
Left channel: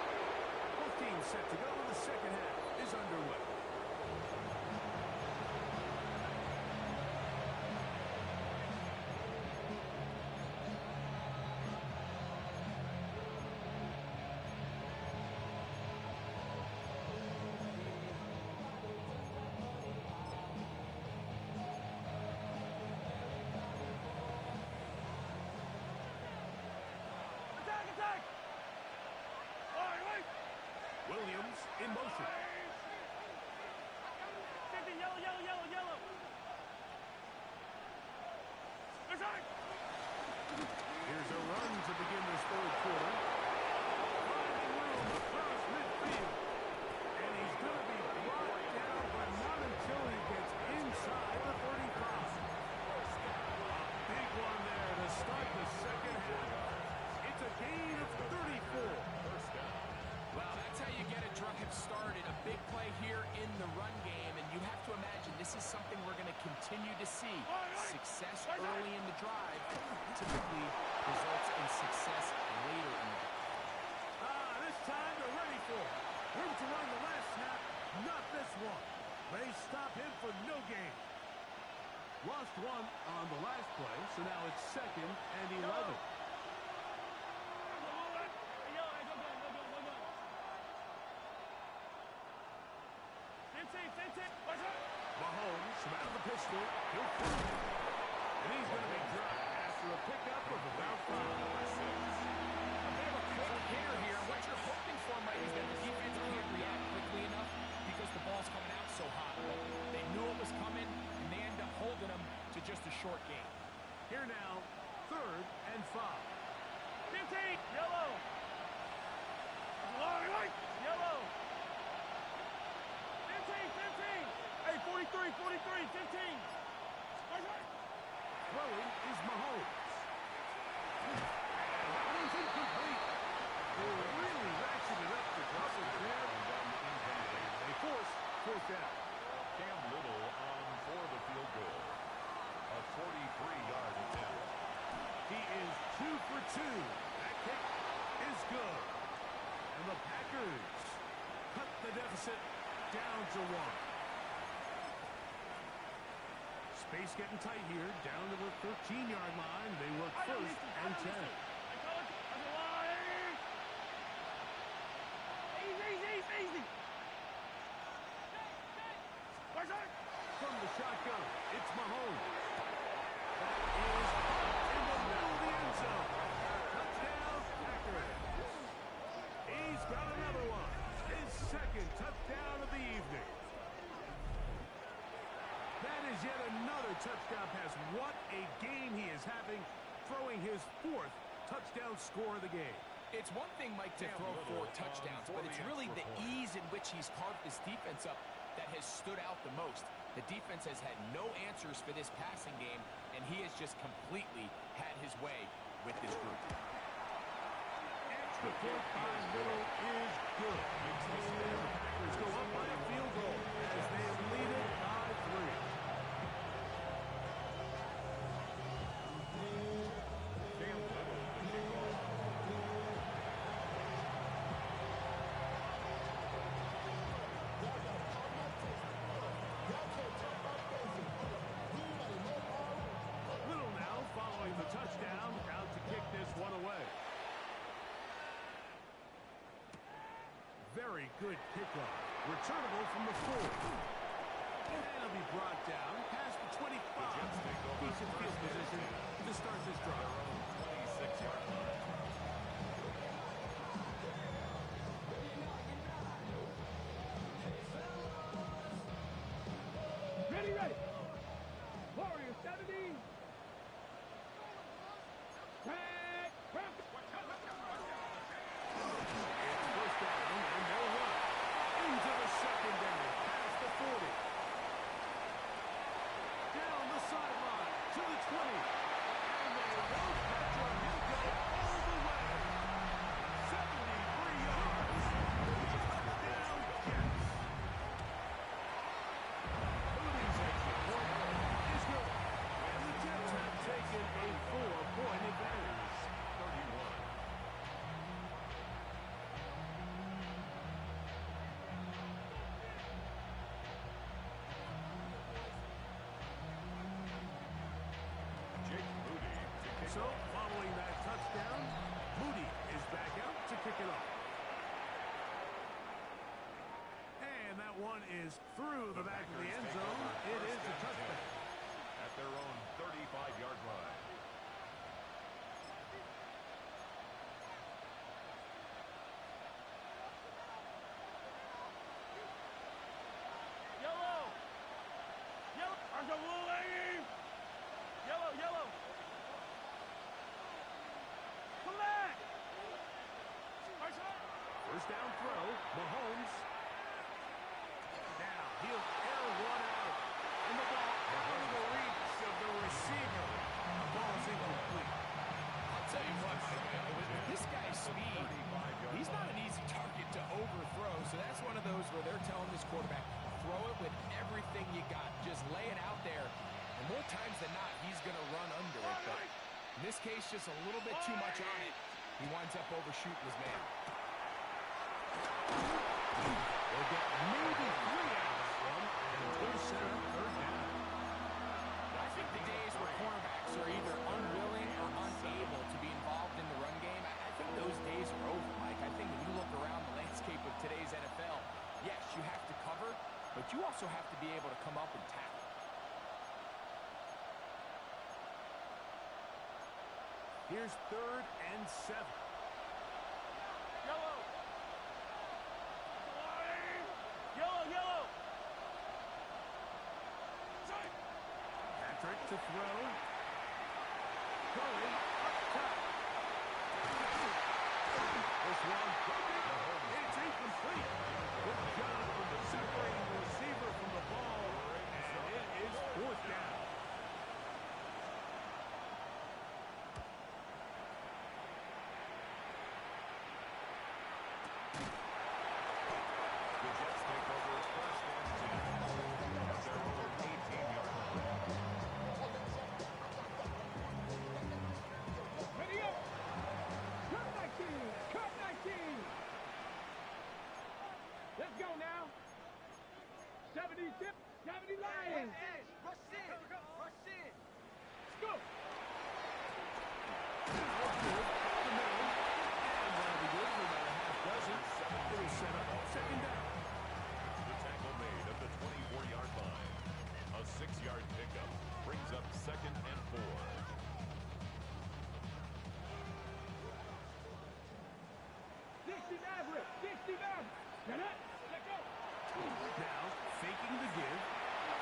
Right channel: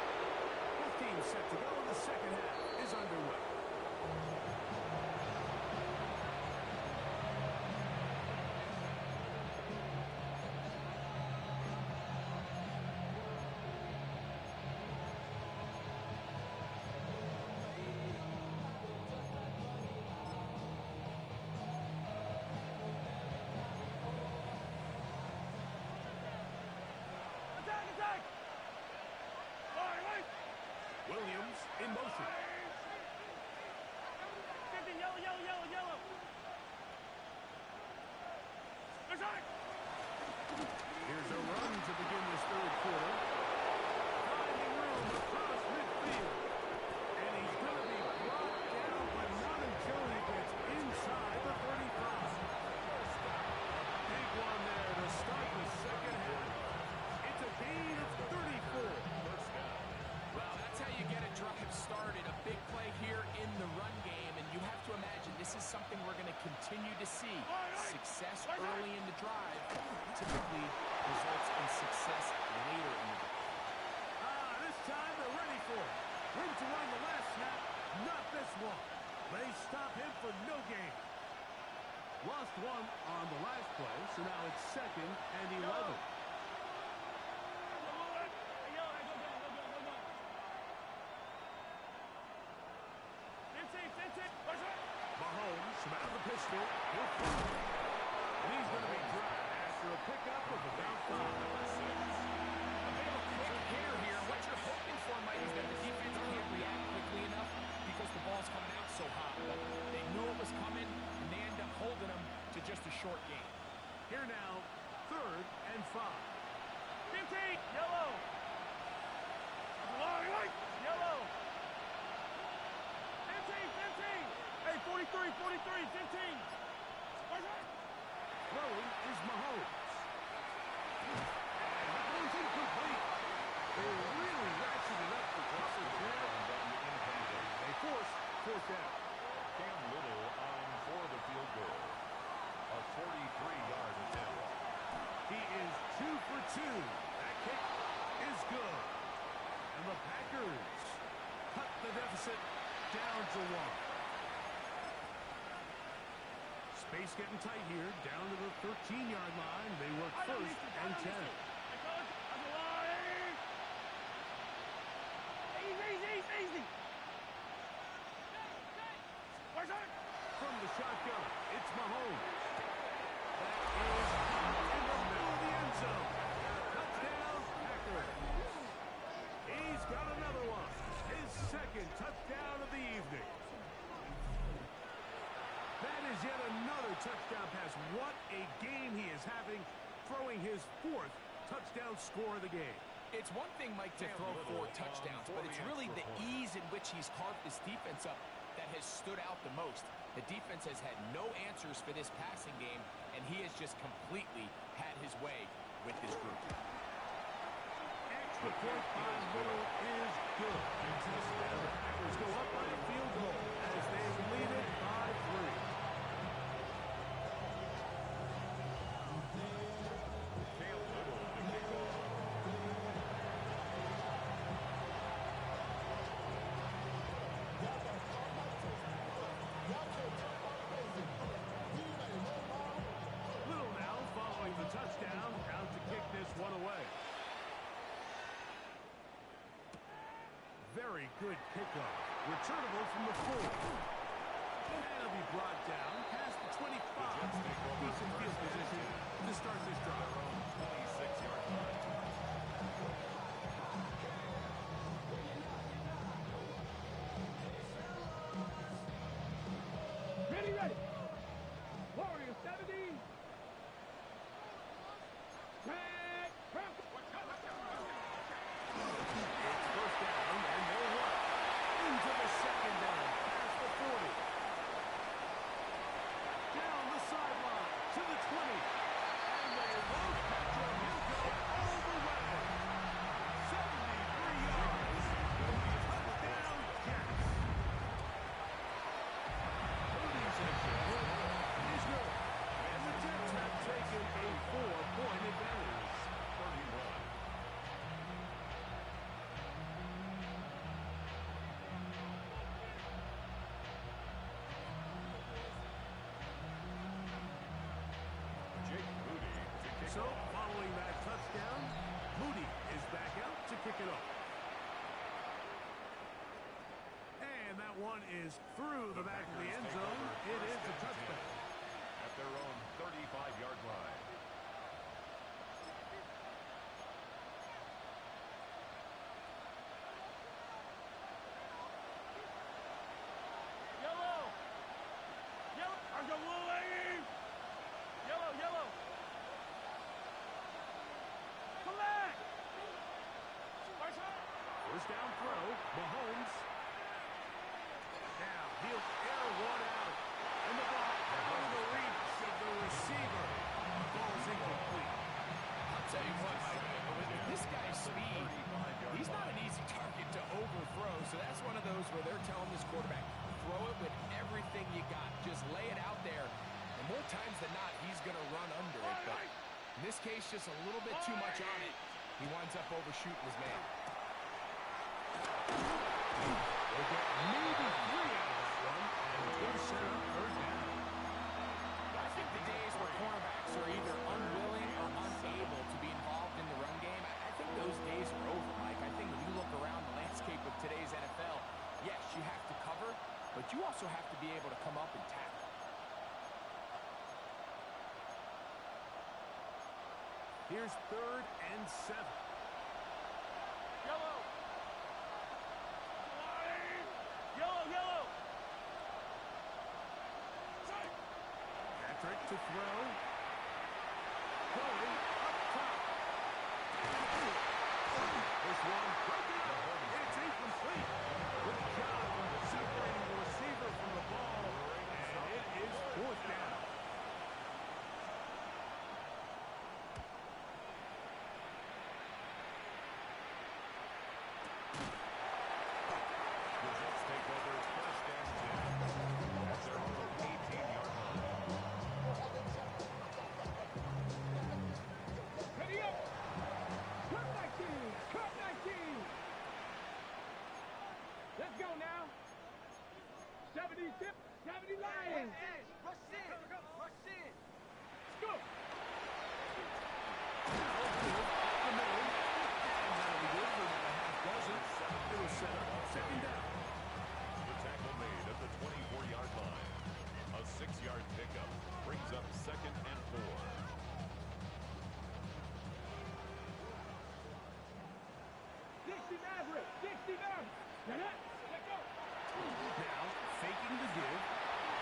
Both teams set to go, and the second half is underway. offense in motion. 50, yellow, yellow, yellow, yellow. Here's a run to begin this third quarter. Finding room across midfield. And he's going to be brought down, but not until he gets inside the 35. A big one there to start the second half. It's a gain of 34. Well, that's how you get a drive started. A big play here in the run game, and you have to imagine this is something we're going to continue to see. Success early in the drive typically results in success later in the drive. This time they're ready for it. Room to run the last snap, not this one. They stop him for no gain. Lost one on the last play, so now it's 2nd and 11. Mahomes from out of the pistol. He'll fire. And he's going to be dropped after a pickup of about 5. Number 6. A bit of a quick hair here. What you're hoping for, Mike, is that the defense can't react quickly enough because the ball's coming out so hot. But they knew it was coming, and they end up holding them to just a short game. Here now, 3rd and 5. 15, yellow. Yellow. 15. Hey, 43, 15. Throwing is Mahomes. And that one's incomplete. They really ratcheted up the coverage there. They force 4th down. Cam Little on for the field goal. A 43-yard attempt. He is 2 for 2. That kick is good. And the Packers cut the deficit down to 1. Space getting tight here, down to the 13-yard line. They work 1st and 10. Easy. From the shotgun, it's Mahomes. That is up in the middle of the end zone. Touchdown, Packers. He's got another one. His 2nd touchdown of the evening. That is yet another touchdown pass. What a game he is having, throwing his 4th touchdown score of the game. It's one thing, Mike, to throw 4 touchdowns, but it's really the ease in which he's carved this defense up that has stood out the most. The defense has had no answers for this passing game, and he has just completely had his way with this group. Extra point by Little is good. And the Packers go up by a field goal as they lead it by 3. Cam Little to kick off. Little now following the touchdown, out to kick this one away. Very good kickoff. Returnable from the 4. And it'll be brought down past the 25. Decent field position to start this drive. Their own 26-yard line. Ready. Warrior 70. Tag. It's 1st down, and they'll run into the 2nd down, past the 40. Down the sideline to the 20. And they won't catch him. He'll go all the way. 73 yards. Touchdown, Jets. Moody's extra point is good. And the Jets have taken a 4-point advantage. 31. So, following that touchdown, Moody is back out to kick it off. And that one is through the back of the end zone. It is a touchback. At their own 35-yard line. First down throw, Mahomes. Now he'll air one out. And the ball out of the reach of the receiver. The ball is incomplete. I'll tell you what, Mike, with this guy's speed, he's not an easy target to overthrow. So that's one of those where they're telling this quarterback, throw it with everything you got. Just lay it out there. And more times than not, he's going to run under it. But in this case, just a little bit too much on it. He winds up overshooting his man. They'll get maybe 3 out of that one. And he'll set up third down. I think the days where cornerbacks are either unwilling or unable to be involved in the run game, I think those days are over, Mike. I think when you look around the landscape of today's NFL, yes, you have to cover, but you also have to be able to come up and tackle. Here's 3rd and 7. Yellow. Yellow, yellow. Patrick to throw. Going up top. This one broken up. It's incomplete. Good job separating the receiver from the ball. And it is 4th down. The Jets take over 1st and 10 at their own 18-yard line. Ready up. Cut 19. Cut 19. Let's go now. 70 tip. 70 Lions. Rush in. Rush in. Let's go. Now good up the middle. And that'll be good for about a half dozen. It'll set up 2nd down. The tackle made at the 24-yard line. A 6-yard pickup brings up 2nd and 4. Get it. Let go. Now, faking the give.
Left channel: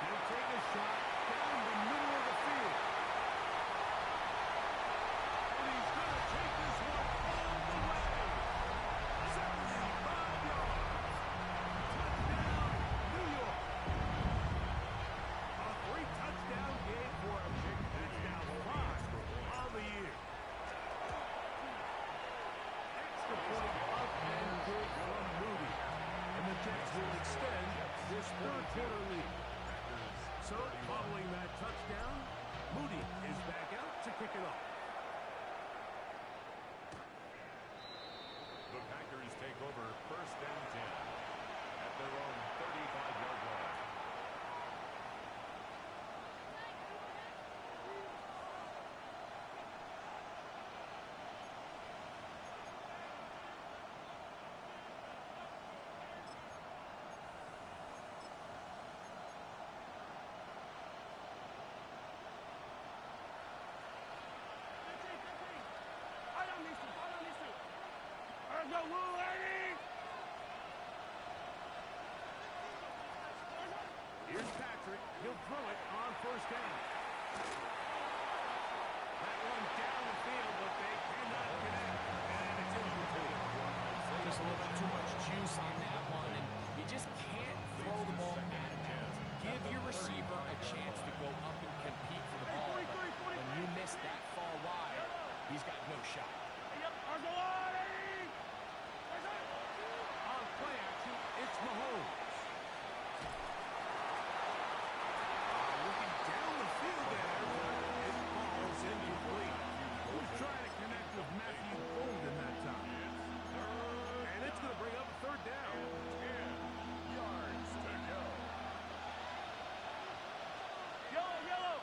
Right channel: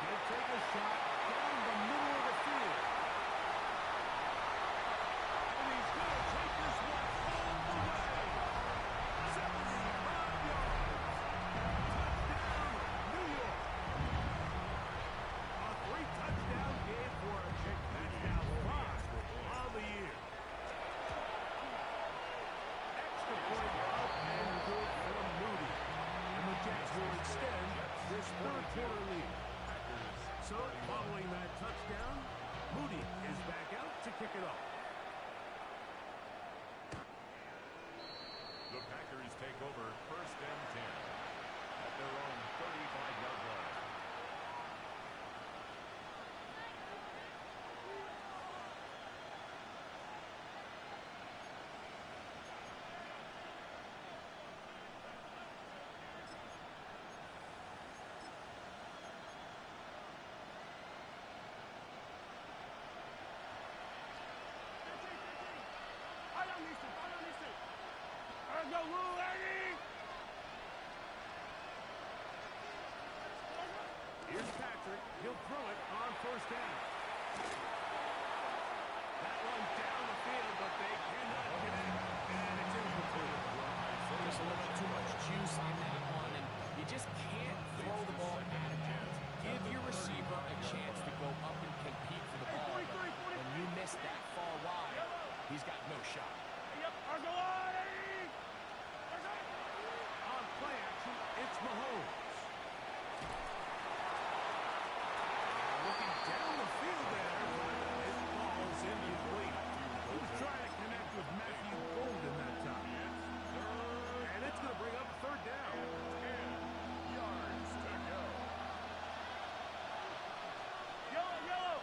He'll take a shot down the middle of the field. And he's going to take this one all the way. 75 yards. Touchdown, New York. A 3-touchdown game for him. That's now 5 of the year. Extra point up and good from Moody. And the Jets will extend this 3rd quarter lead. So, following that touchdown, Moody is back out to kick it off. The Packers take over 1st and 10 at their own 35-yard line. Go, Lou, Eddie! Here's Patrick. He'll throw it on 1st down. That one down the field, but they cannot connect. And it's incomplete. Just a little bit too much juice on that one, and you just can't throw the ball out of bounds. Give your receiver a chance to go up and compete for the ball. But when you miss that far wide, he's got no shot. Go on, Eddie! On play action, it's Mahomes. Looking down the field there, but it falls incomplete. He was trying to connect with Matthew Golden that time. And it's going to bring up 3rd down. 10 yards to go. Yellow, yellow!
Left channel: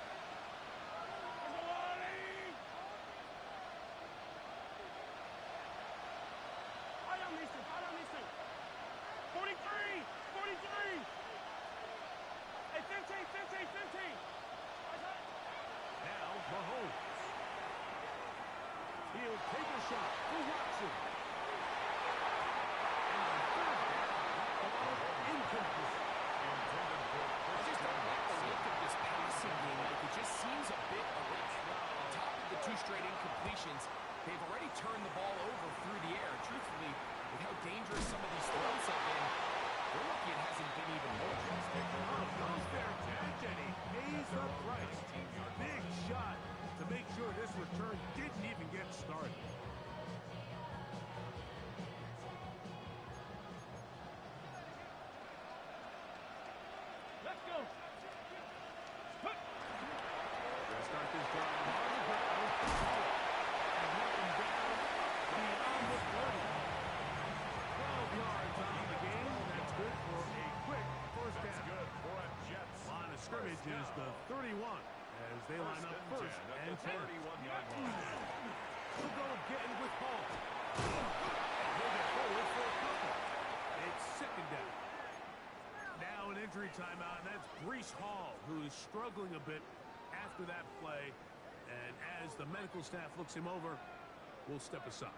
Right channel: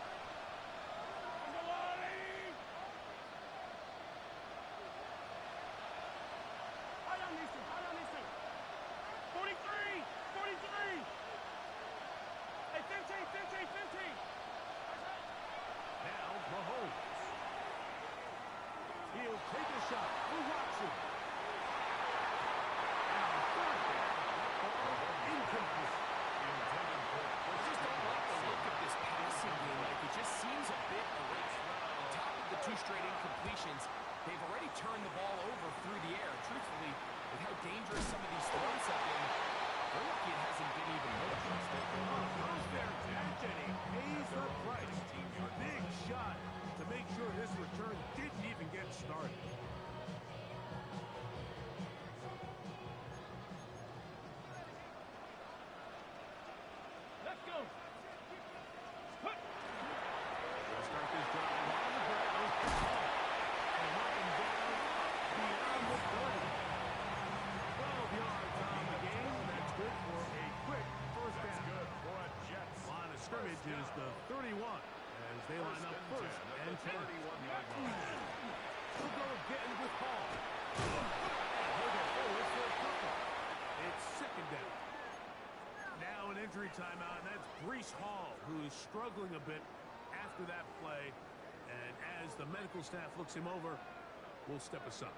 Go on, Eddie! High on these two, high on these two. 43! 43! Hey, 15! Now, Mahomes. He'll take a shot for Watson. And on 3rd down, that ball incomplete. Intended for I just don't like the look of this passing game. Like, it just seems a bit erratic. On top of the 2 straight incompletions, they've already turned the ball over through the air. Truthfully, With how dangerous some of these throws have been, they're lucky it hasn't been even more. Oh, goes there, catch, and he pays the price. Big shot to make sure this return didn't even get started. Let's go. Gonna start this drive on the ground. And mark him down up beyond the 30. 12 yards on the game. That's good for a quick first down. That's good for a Jets. Line of scrimmage is the 31 as they line up first and 10. 31-yard line. He'll go again with Hall. And he'll get forward for a couple. It's second down. Now an injury timeout, and that's Breece Hall, who is struggling a bit after that play. And as the medical staff looks him over, we'll step aside.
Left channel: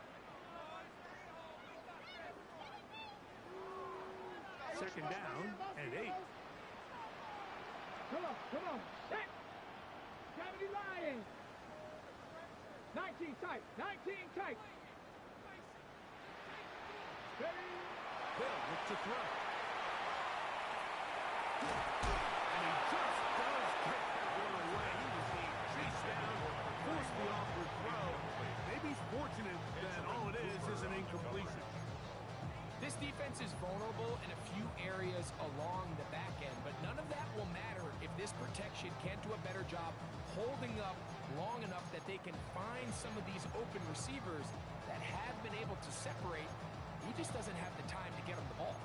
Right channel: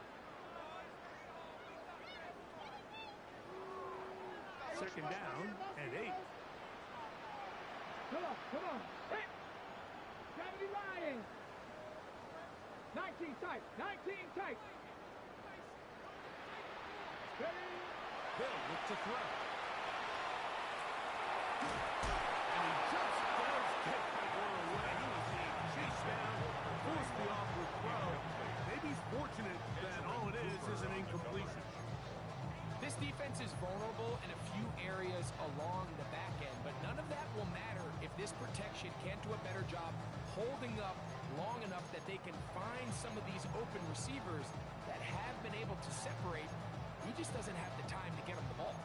Second down and 8. Come on. Set. 70 Lions. 19 tight. Ready. Hill looks to throw. And he just does get that one away. He was being chased down, forced the awkward throw. Maybe he's fortunate that all it is an incompletion. This defense is vulnerable in a few areas along the back end, but none of that will matter if this protection can't do a better job holding up long enough that they can find some of these open receivers that have been able to separate. He just doesn't have the time to get them the ball.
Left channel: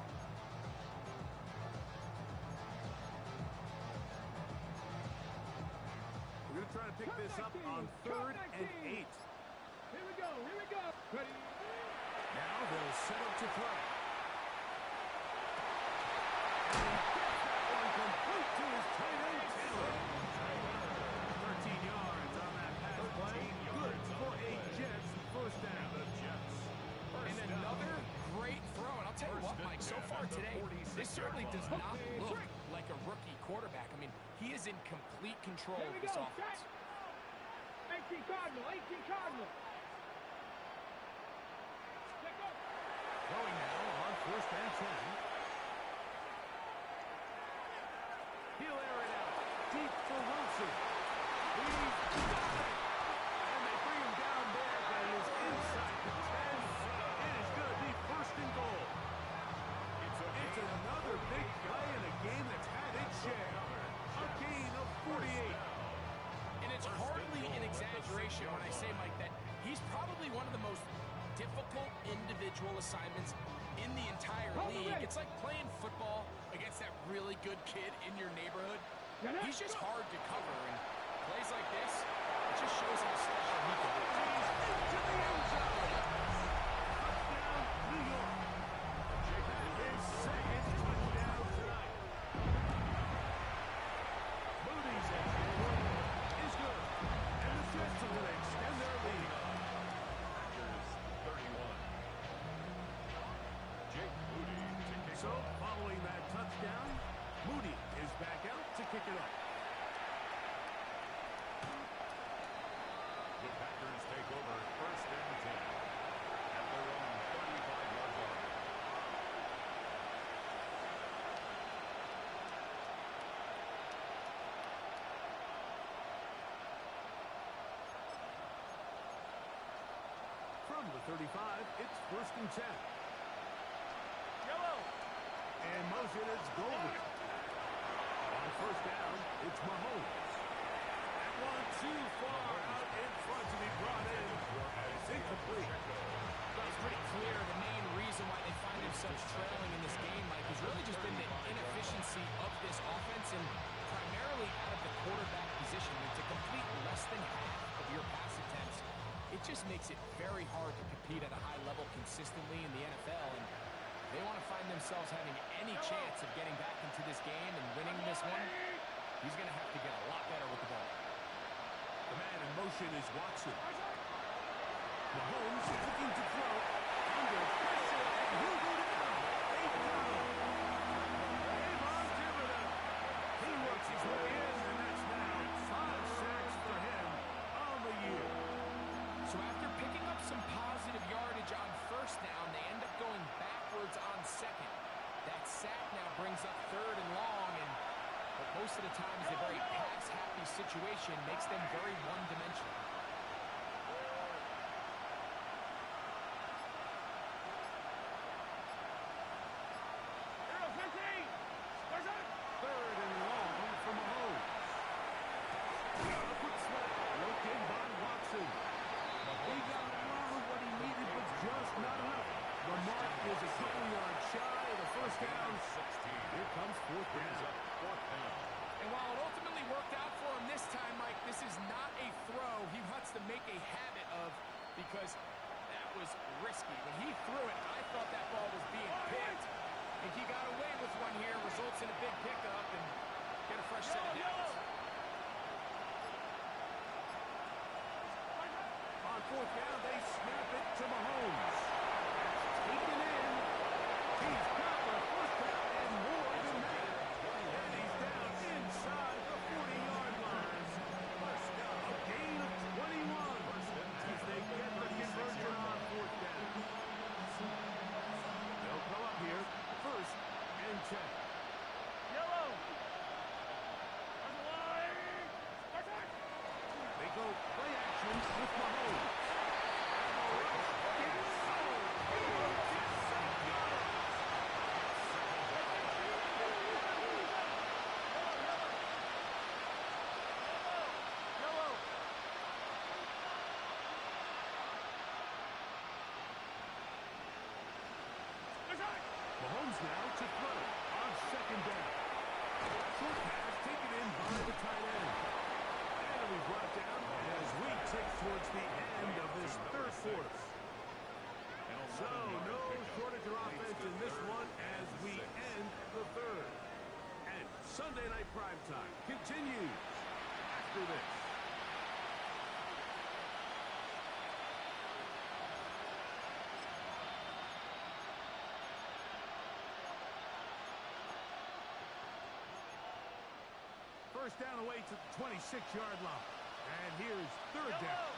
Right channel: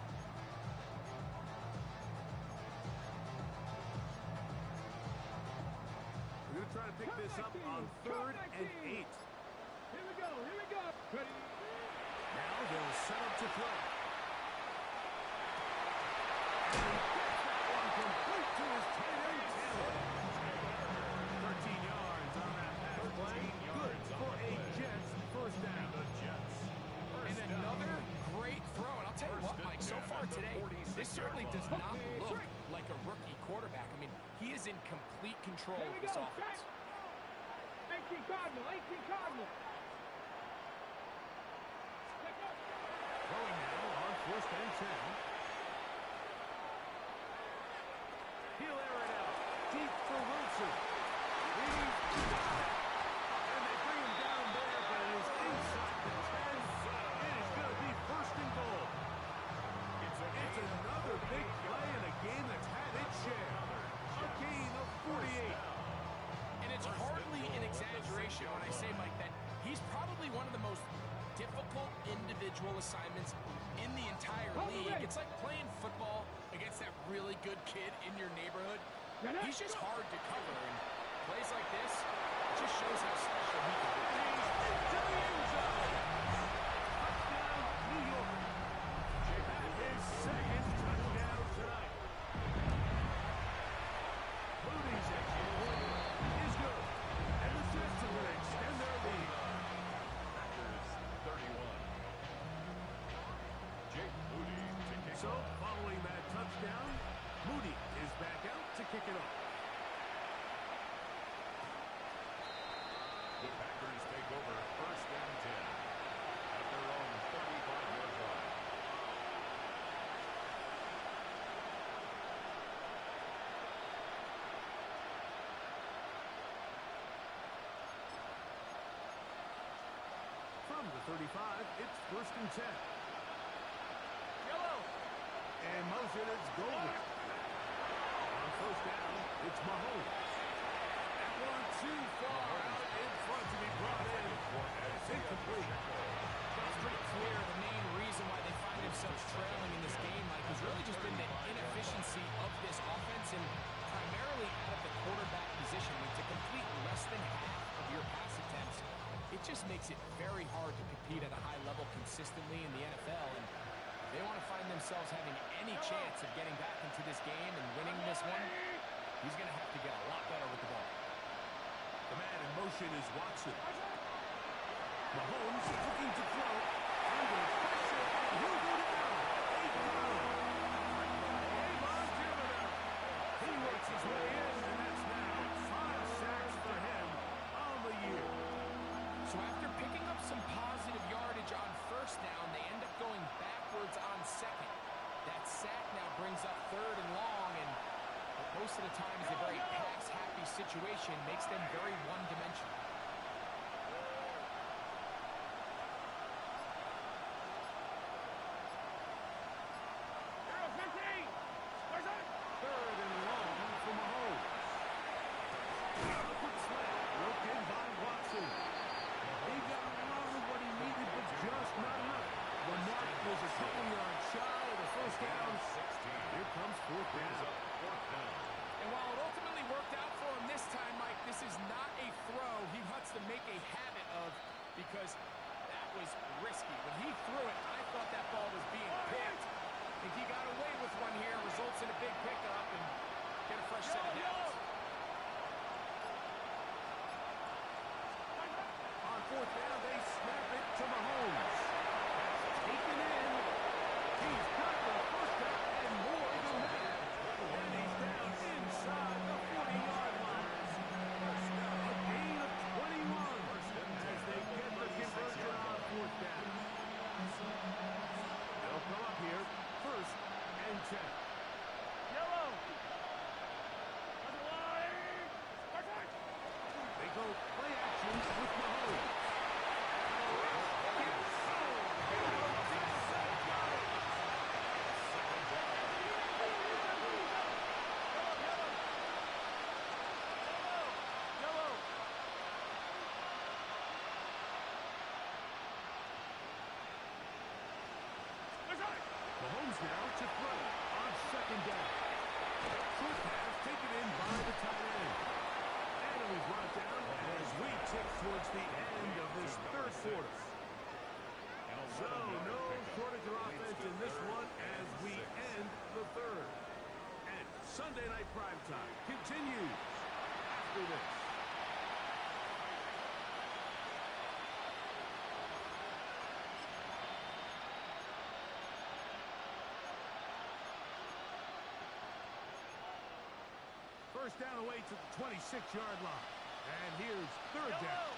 We're going to try to pick this up on 3rd and 8. Here we go. Ready. Now they'll set up to throw. And he gets that one complete to his tight end, Taylor. 13 yards on that pass play. Good for a Jets first down. The Jets. And another great throw. And I'll tell you what, Mike, so far today, this certainly does not look like a rookie quarterback. I mean, he is in complete control Here of we this go. offense. 18 Cardinal. Throwing now on 1st and 10. He'll air it out. Deep for Wilson. He's got it. And they bring him down there, but it is inside the 10. It is going to be 1st and goal. It's another big play in a game that's had its share. A gain of 48. And it's hardly an exaggeration when I say, Mike, that he's probably one of the most difficult individual assignments in the entire league. It's like playing football against that really good kid in your neighborhood. He's just hard to cover, and plays like this, it just shows how special he can be. He's into the end zone. Touchdown, New York. That is second touchdown tonight. Moody's extra point is good. And the Jets are going to extend their lead. Packers 31. Jake Moody to kick So, off. following that touchdown, Moody is back out to kick it off. The Packers take over 1st and 10 at their own 35-yard line. From the 35, it's 1st and 10. Yellow. And motion, it's Golden. On 1st down, it's Mahomes. That one too far out in front to be brought in. It's incomplete. Well, it's pretty clear the main reason why they find themselves trailing in this game, Mike, has really just been the inefficiency of this offense and primarily out of the quarterback position. I mean, to complete less than half of your pass attempts, it just makes it very hard to compete at a high level consistently in the NFL. And if they want to find themselves having any chance of getting back into this game and winning this one, he's going to have to get a lot better with the ball. The man in motion is Watson. Mahomes looking to throw. Under pressure, and he'll go down. Avon Thibodeau. He works his way in, and that's now 5 sacks for him on the year. So after picking up some positive yardage on 1st first down. They end up going backwards on second. That sack now brings up third and long, and but most of the time is a very pass-happy situation, makes them very one-dimensional. Third and long for Mahomes. A quick slant, broke in by Watson. He got a lot of what he needed, but just not enough. The mark is a couple yards shy of the first down. Here comes fourth down. And while it ultimately worked out for him this time, Mike, this is not a throw he wants to make a habit of, because that was risky. When he threw it, I thought that ball was being picked. And he got away with one here, results in a big pickup and get a fresh set of downs. On fourth down, they snap it to Mahomes. That's taken in. He's got the first down and more than that. And he's down inside the 40-yard line. A gain of 21 as they get the conversion on fourth down. They'll come up here, first and 10. Yellow. They go play action with Mahomes. And the rush is so good. Got it. Yellow. Mahomes now to throw on second down. Short pass taken in by the tight end. And it'll be brought down as we tick towards the end of this third quarter. So no shortage of offense in this one as we end the third. And Sunday Night Primetime continues after this. First down away to the 26-yard line. And here's third down.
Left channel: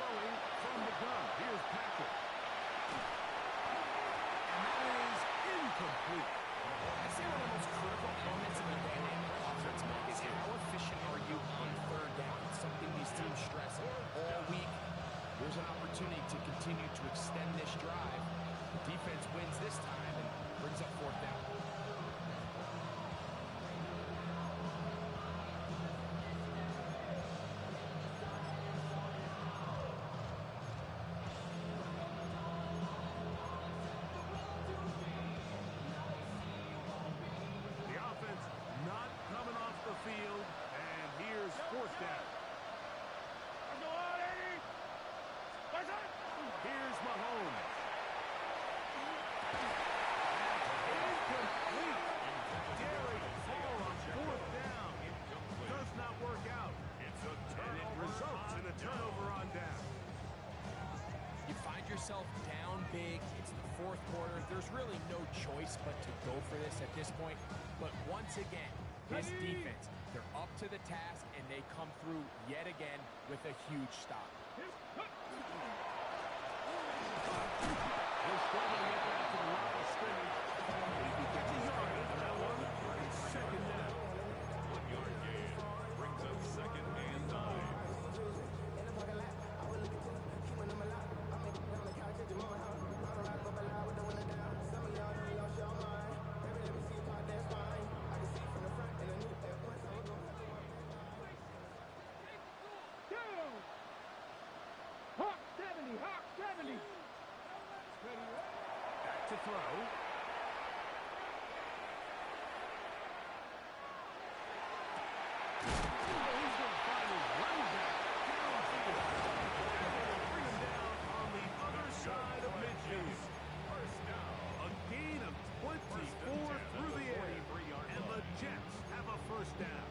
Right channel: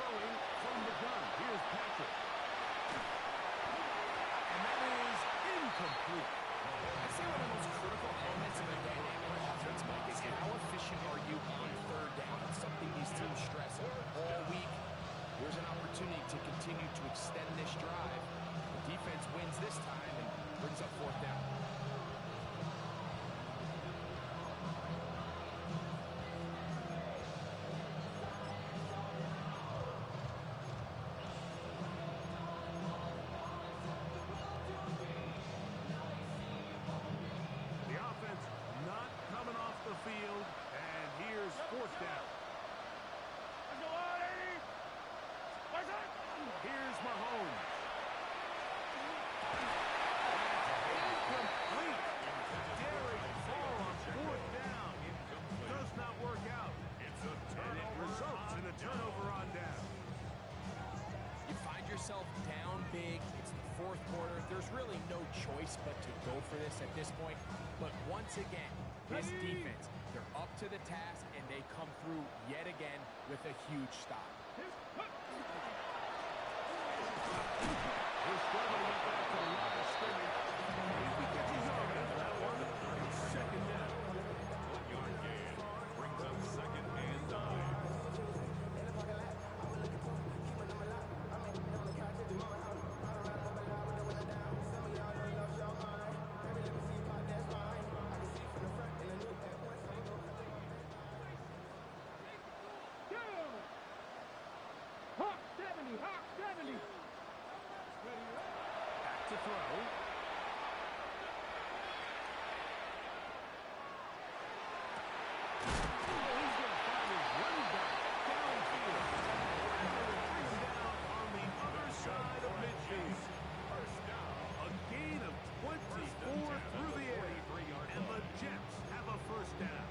Throwing from the gun. Here's Patrick. And that is incomplete. I'd say one of the most critical elements of a dynamic offense, Mike, is how efficient are you on third down? It's something these teams stress all week. Here's an opportunity to continue to extend this drive. The defense wins this time and brings up fourth down. The offense not coming off the field, and here's fourth down. Here's Mahomes. Incomplete. Daring ball on fourth down. Does not work out. And it results in a turnover on down. You find yourself down big. It's the fourth quarter. There's really no choice but to go for this at this point. But once again, this defense, they're up to the task, and they come through yet again with a huge stop. He'll struggle to get back to the line of scrimmage. If he gets a yard out of that one, it's second down. 1 yard gain brings up second and 9. Hawk 70, Hawk 70. Back to throw. Oh, he's going to find his running back downfield. And they will bring him down on the other side of midfield. First down. A gain of 24 through the air. And the Jets have a first down.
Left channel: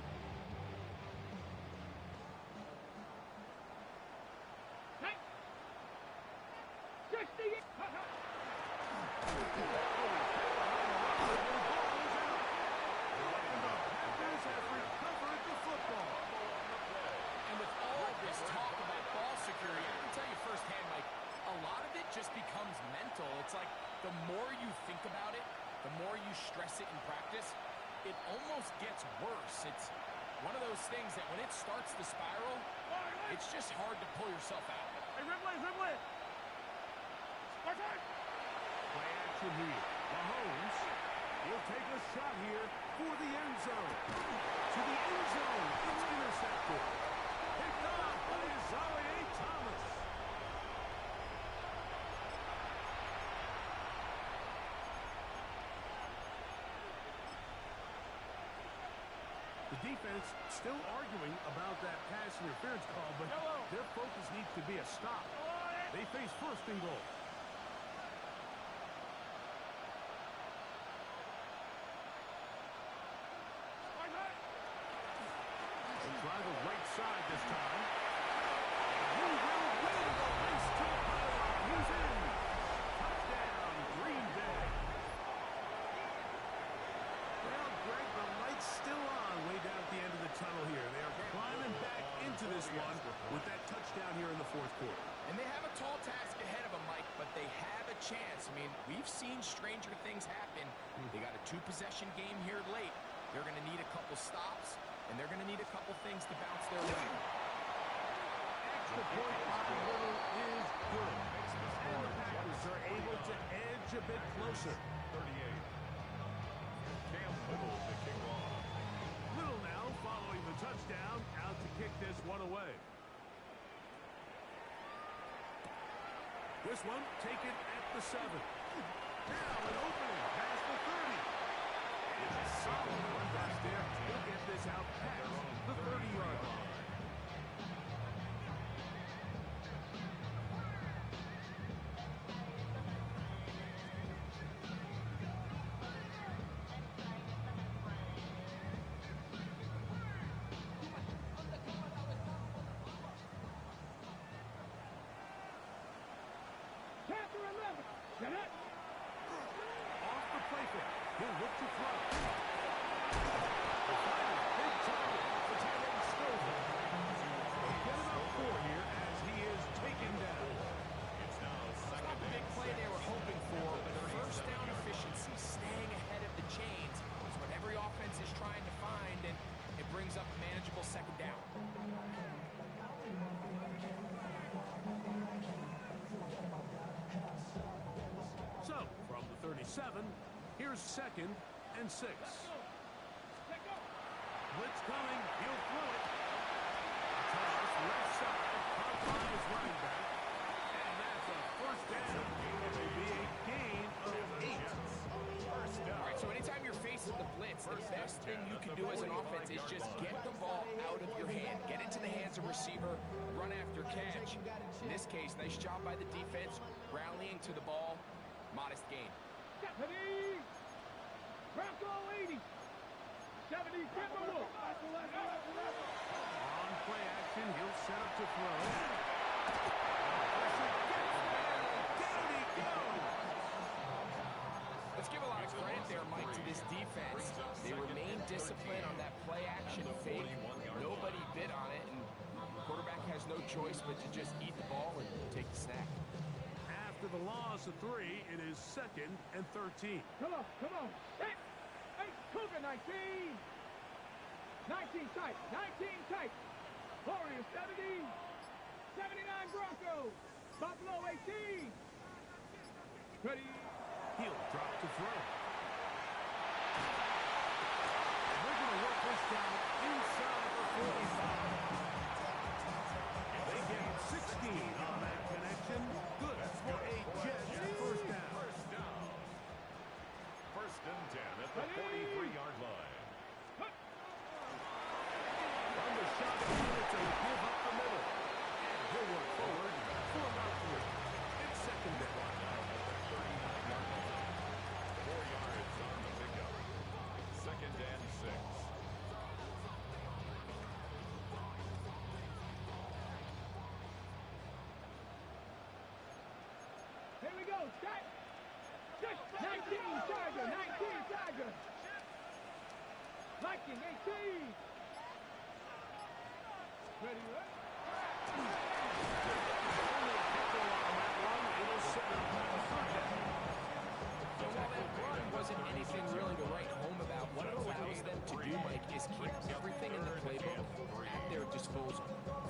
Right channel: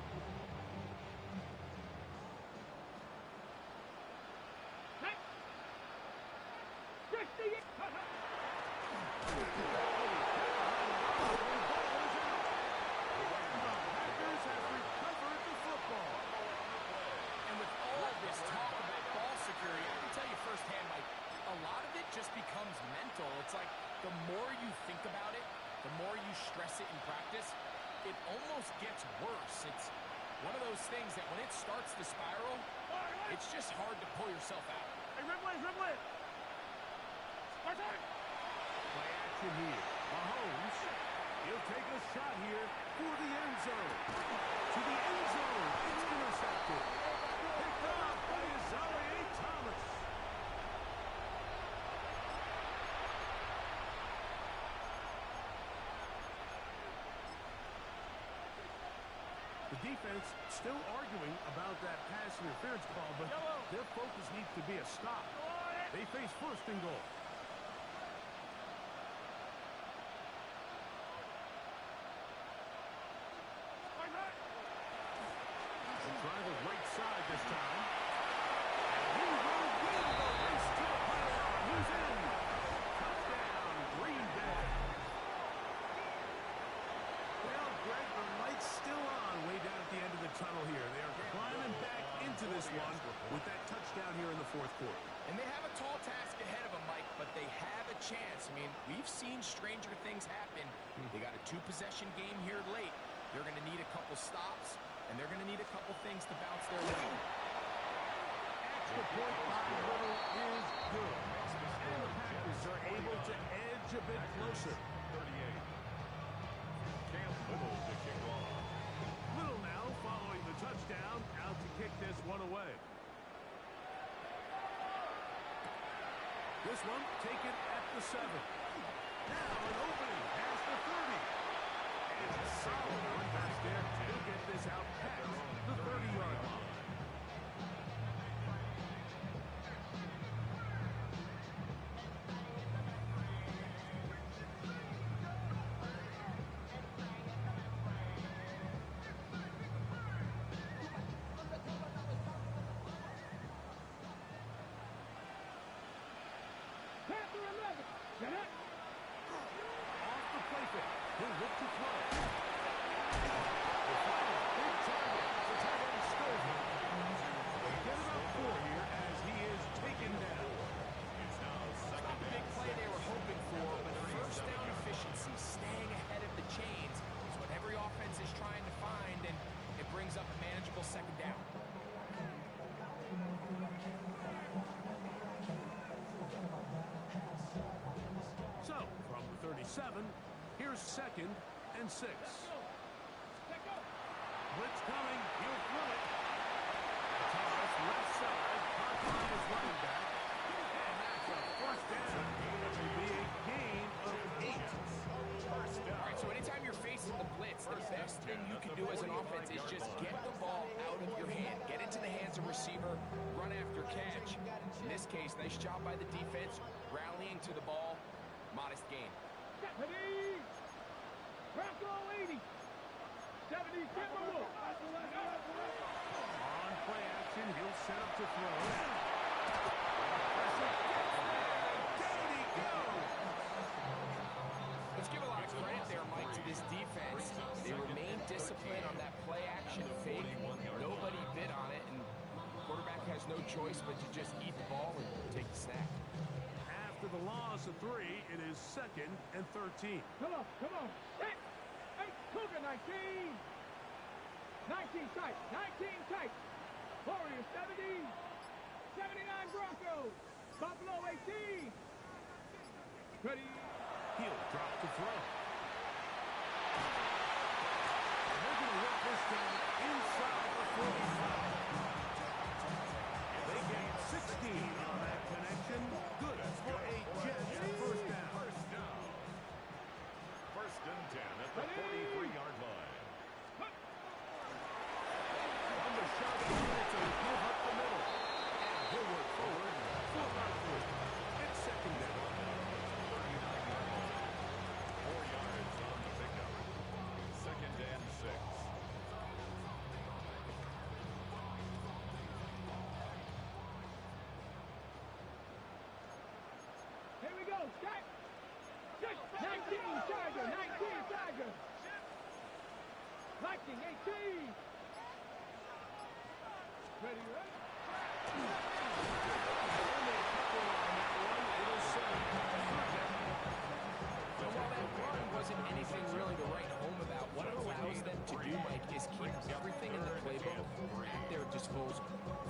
with all this talk about ball security, I can tell you firsthand, Mike, a lot of it just becomes mental. It's like the more you think about it, the more you stress it in practice, it almost gets worse. It's one of those things that when it starts to spiral, it's just hard to pull yourself out. Hey, Ripley! Play action here. Mahomes, he'll take a shot here for the end zone. To the end zone, it's intercepted. Picked off by Isaiah Thomas. The defense still arguing about that pass interference call, but their focus needs to be a stop. They face first and goal. They'll try the right side this time. And he will win the race to the pylon. He's in. Touchdown, Green Bay. Well, Greg, the light's still on way down at the end of the tunnel here. They are climbing back into this one with that touchdown here in the fourth quarter. And they have a tall task ahead of them, Mike, but they have a chance. I mean, we've seen stranger things happen. They got a two-possession game here late. They're going to need a couple stops, and they're going to need a couple things to bounce their way. Extra point by Little is good. And the Packers are able to edge a bit closer. 38. Cam Little to kick off. Little now following the touchdown, out to kick this one away. This one taken at the 7. Now an opening past the 30. And a solid run back there. He'll get this out past the 30-yard line. Get it! Off the play fake. He'll look to throw. The final big target for tight end Stover. He'll get about 4 here as he is taken down. It's now It's not the big play they were hoping for, but first down efficiency, staying ahead of the chains, is what every offense is trying to find, and it brings up a manageable second down. So, from the 37, here's 2nd and 6. Blitz coming. He'll throw it. Toss left side. Caught by his running back. And that's a first down. It will be a gain of 8. All right, so anytime you're facing the blitz, the best thing you can do as an offense is just get the ball out of your hand. Get into the hands of receiver, run after catch. In this case, nice job by the defense, rallying to the ball. Modest gain. Deputy! Bronco 80! 70 Timberwolf! On play action, he'll set up to throw. Pressure gets there. Down he goes. Let's give a lot of credit there, Mike, to this defense. They remain disciplined on that play action fake. Nobody bit on it, and the quarterback has no choice but to just eat the ball and take the snack. After the loss of 3, it is 2nd and 13. Come on! Set! 8 Cougar 19! 19 tight! 19 tight! Warriors 70! 79 Broncos! Buffalo 18! Ready? He'll drop to throw. And they're going to work this down inside the 45. They get 16 on that connection. Good for a Jets first down. First and 10 at the 43-yard line. On the shot, it's a give up the middle. And he'll work forward for about 3. It's second down. 39-yard line. 4 yards on the pickup. Second and 6. Here we go! Set! 19 Tiger! 19 Tiger! Viking 18! Ready, ready. Only a couple on that one. It'll set up third down. So while that run wasn't anything really to write home about, what it allows them to do, Mike, is keep everything in the playbook at their disposal.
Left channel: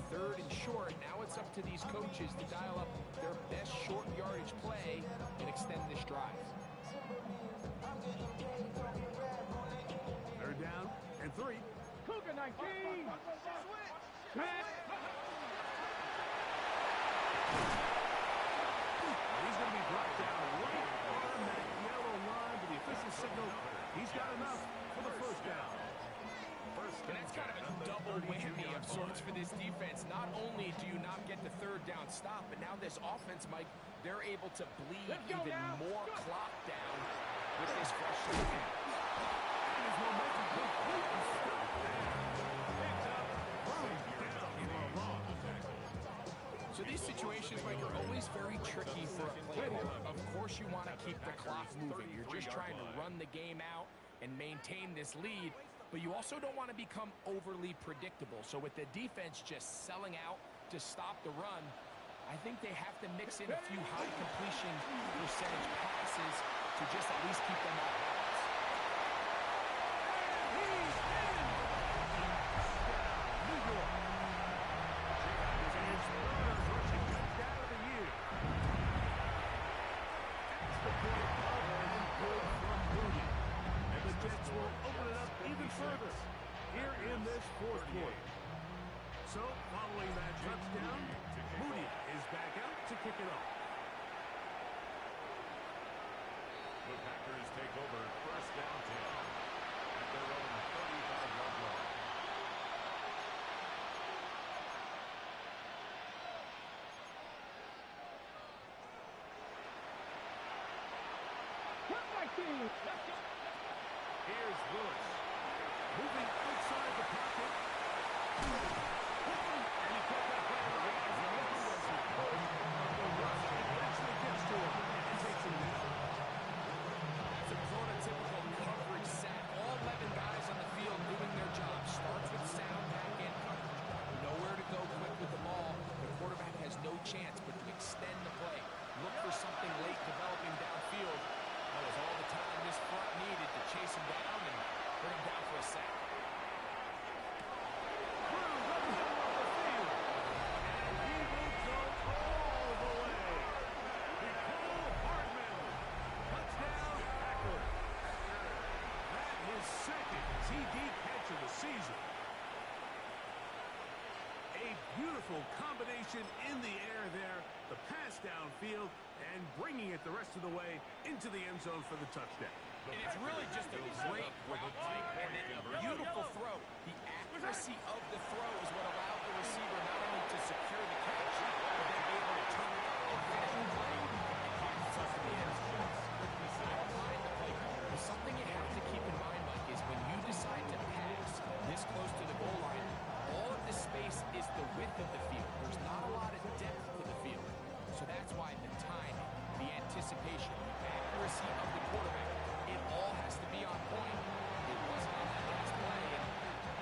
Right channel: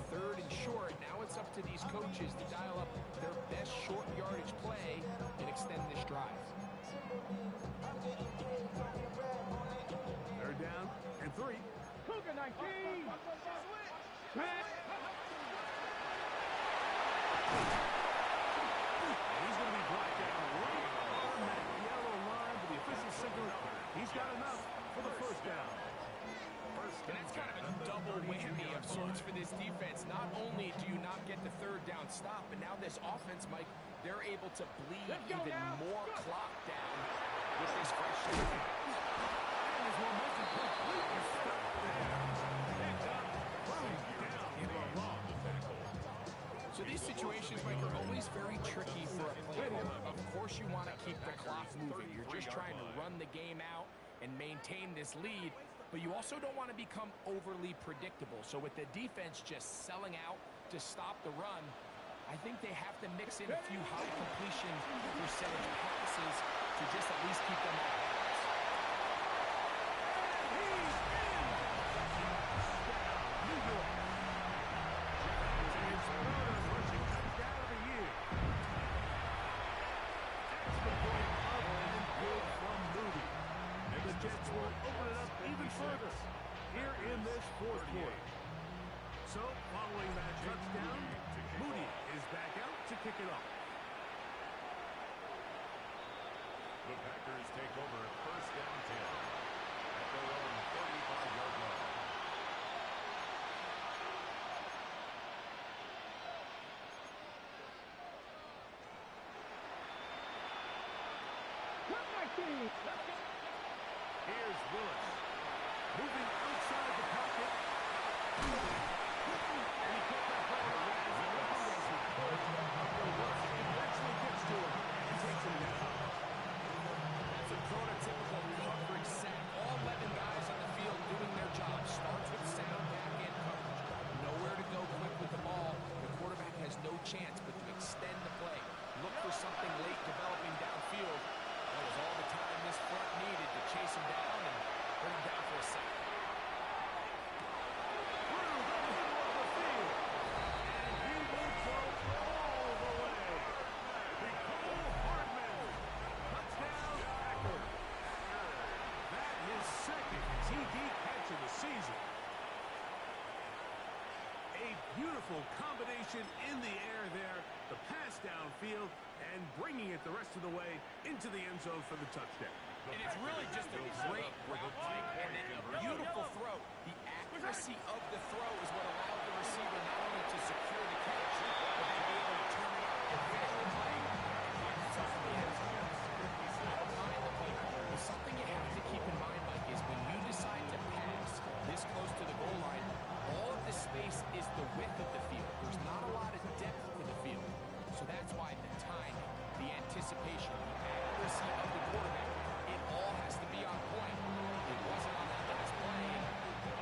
Third and short, now it's up to these coaches to dial up their best short yardage play and extend this drive. Third down and 3. Cougar 19. And he's going to be brought down right on that yellow line, but the official signal, he's got enough for the first down. And that's kind of a double whammy of sorts for this defense. Not only do you not get the third down stop, but now this offense, Mike, they're able to bleed even more clock down with this fresh snap. And his momentum completely stopped there. Picked up, thrown down for a loss. So these situations, Mike, are always very tricky for a player. Of course you want to keep the clock moving. You're just trying to run the game out and maintain this lead, but you also don't want to become overly predictable. So with the defense just selling out to stop the run, I think they have to mix in a few high completion percentage passes to just at least keep them off balance. And he's in! Touchdown, New York. His third rushing touchdown of the year. Extra point up and good from Moody. And the Jets will open it up even further here in this fourth quarter. So, following that touchdown, Moody is back out to kick it off. The Packers take over first down 10 at their own 35-yard line. Here's Willis. Moving outside the pocket. And he kept that play alive as he runs as he could. The rush eventually gets to him and takes him down. That's a prototypical coverage sack. All 11 guys on the field doing their job. Starts with sound back-end coverage. Nowhere to go quick with the ball. The quarterback has no chance but to extend the play. Look for something late developing downfield. That was all the time this front needed to chase him down and bring him down for a sack. Through the middle of the field. And he will go all the way. Nicole Hardman. Touchdown, Packers. That is second TD catch of the season. A beautiful combination in the air there. The pass downfield and bringing it the rest of the way into the end zone for the touchdown. And it's really just a great route, Mike, and then a beautiful throw. The accuracy of the throw is what allowed the receiver not only to secure the catch, but then be able to turn it up and finish the play and get himself in the end zone. I don't mind the play call. But something you have to keep in mind, Mike, is when you decide to pass this close to the goal line, all of the space is the width of the field. There's not a lot of depth to the field. So that's why the timing, the anticipation, the accuracy of the quarterback, it all has to be on point. It wasn't on that last play, and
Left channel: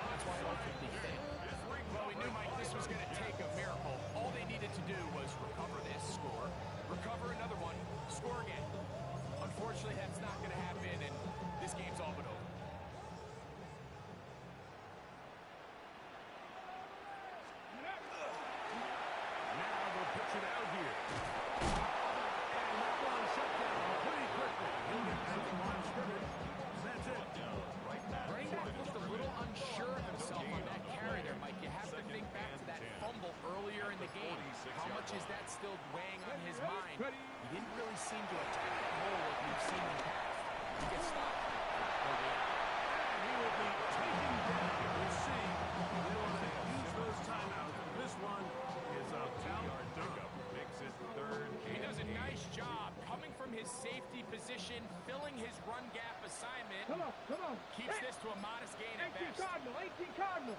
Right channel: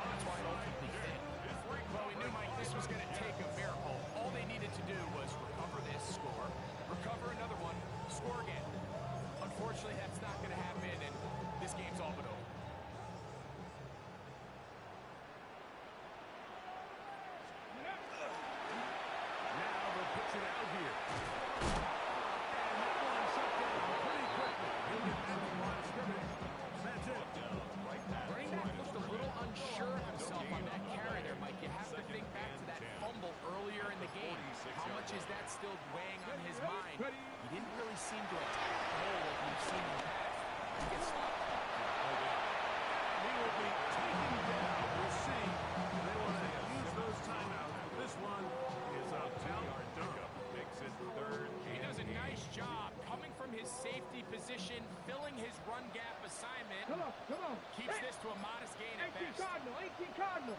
that's why it ultimately failed. Well, we knew, Mike, this was going to take a miracle. All they needed to do was recover this, score, recover another one, score again. Unfortunately, that's not going to happen, and this game's all but over. Now they'll pitch it out here. And that one shut down pretty quickly. He'll get back to line of scrimmage. That's it. Running back looked a little unsure of himself on that carry there, Mike. You have to think back to that fumble earlier in the game. How much is that still weighing on his mind? He didn't really seem to attack the hole like we've seen in the past. He gets stopped. And he will be taken down. We'll see. They want to use those timeouts, but this one is about done. Makes it third. He does a nice job coming from his safety position, filling his run gap assignment. Come on. Keeps this to a modest gain at 18 best. Cardinal, 18 Cardinal.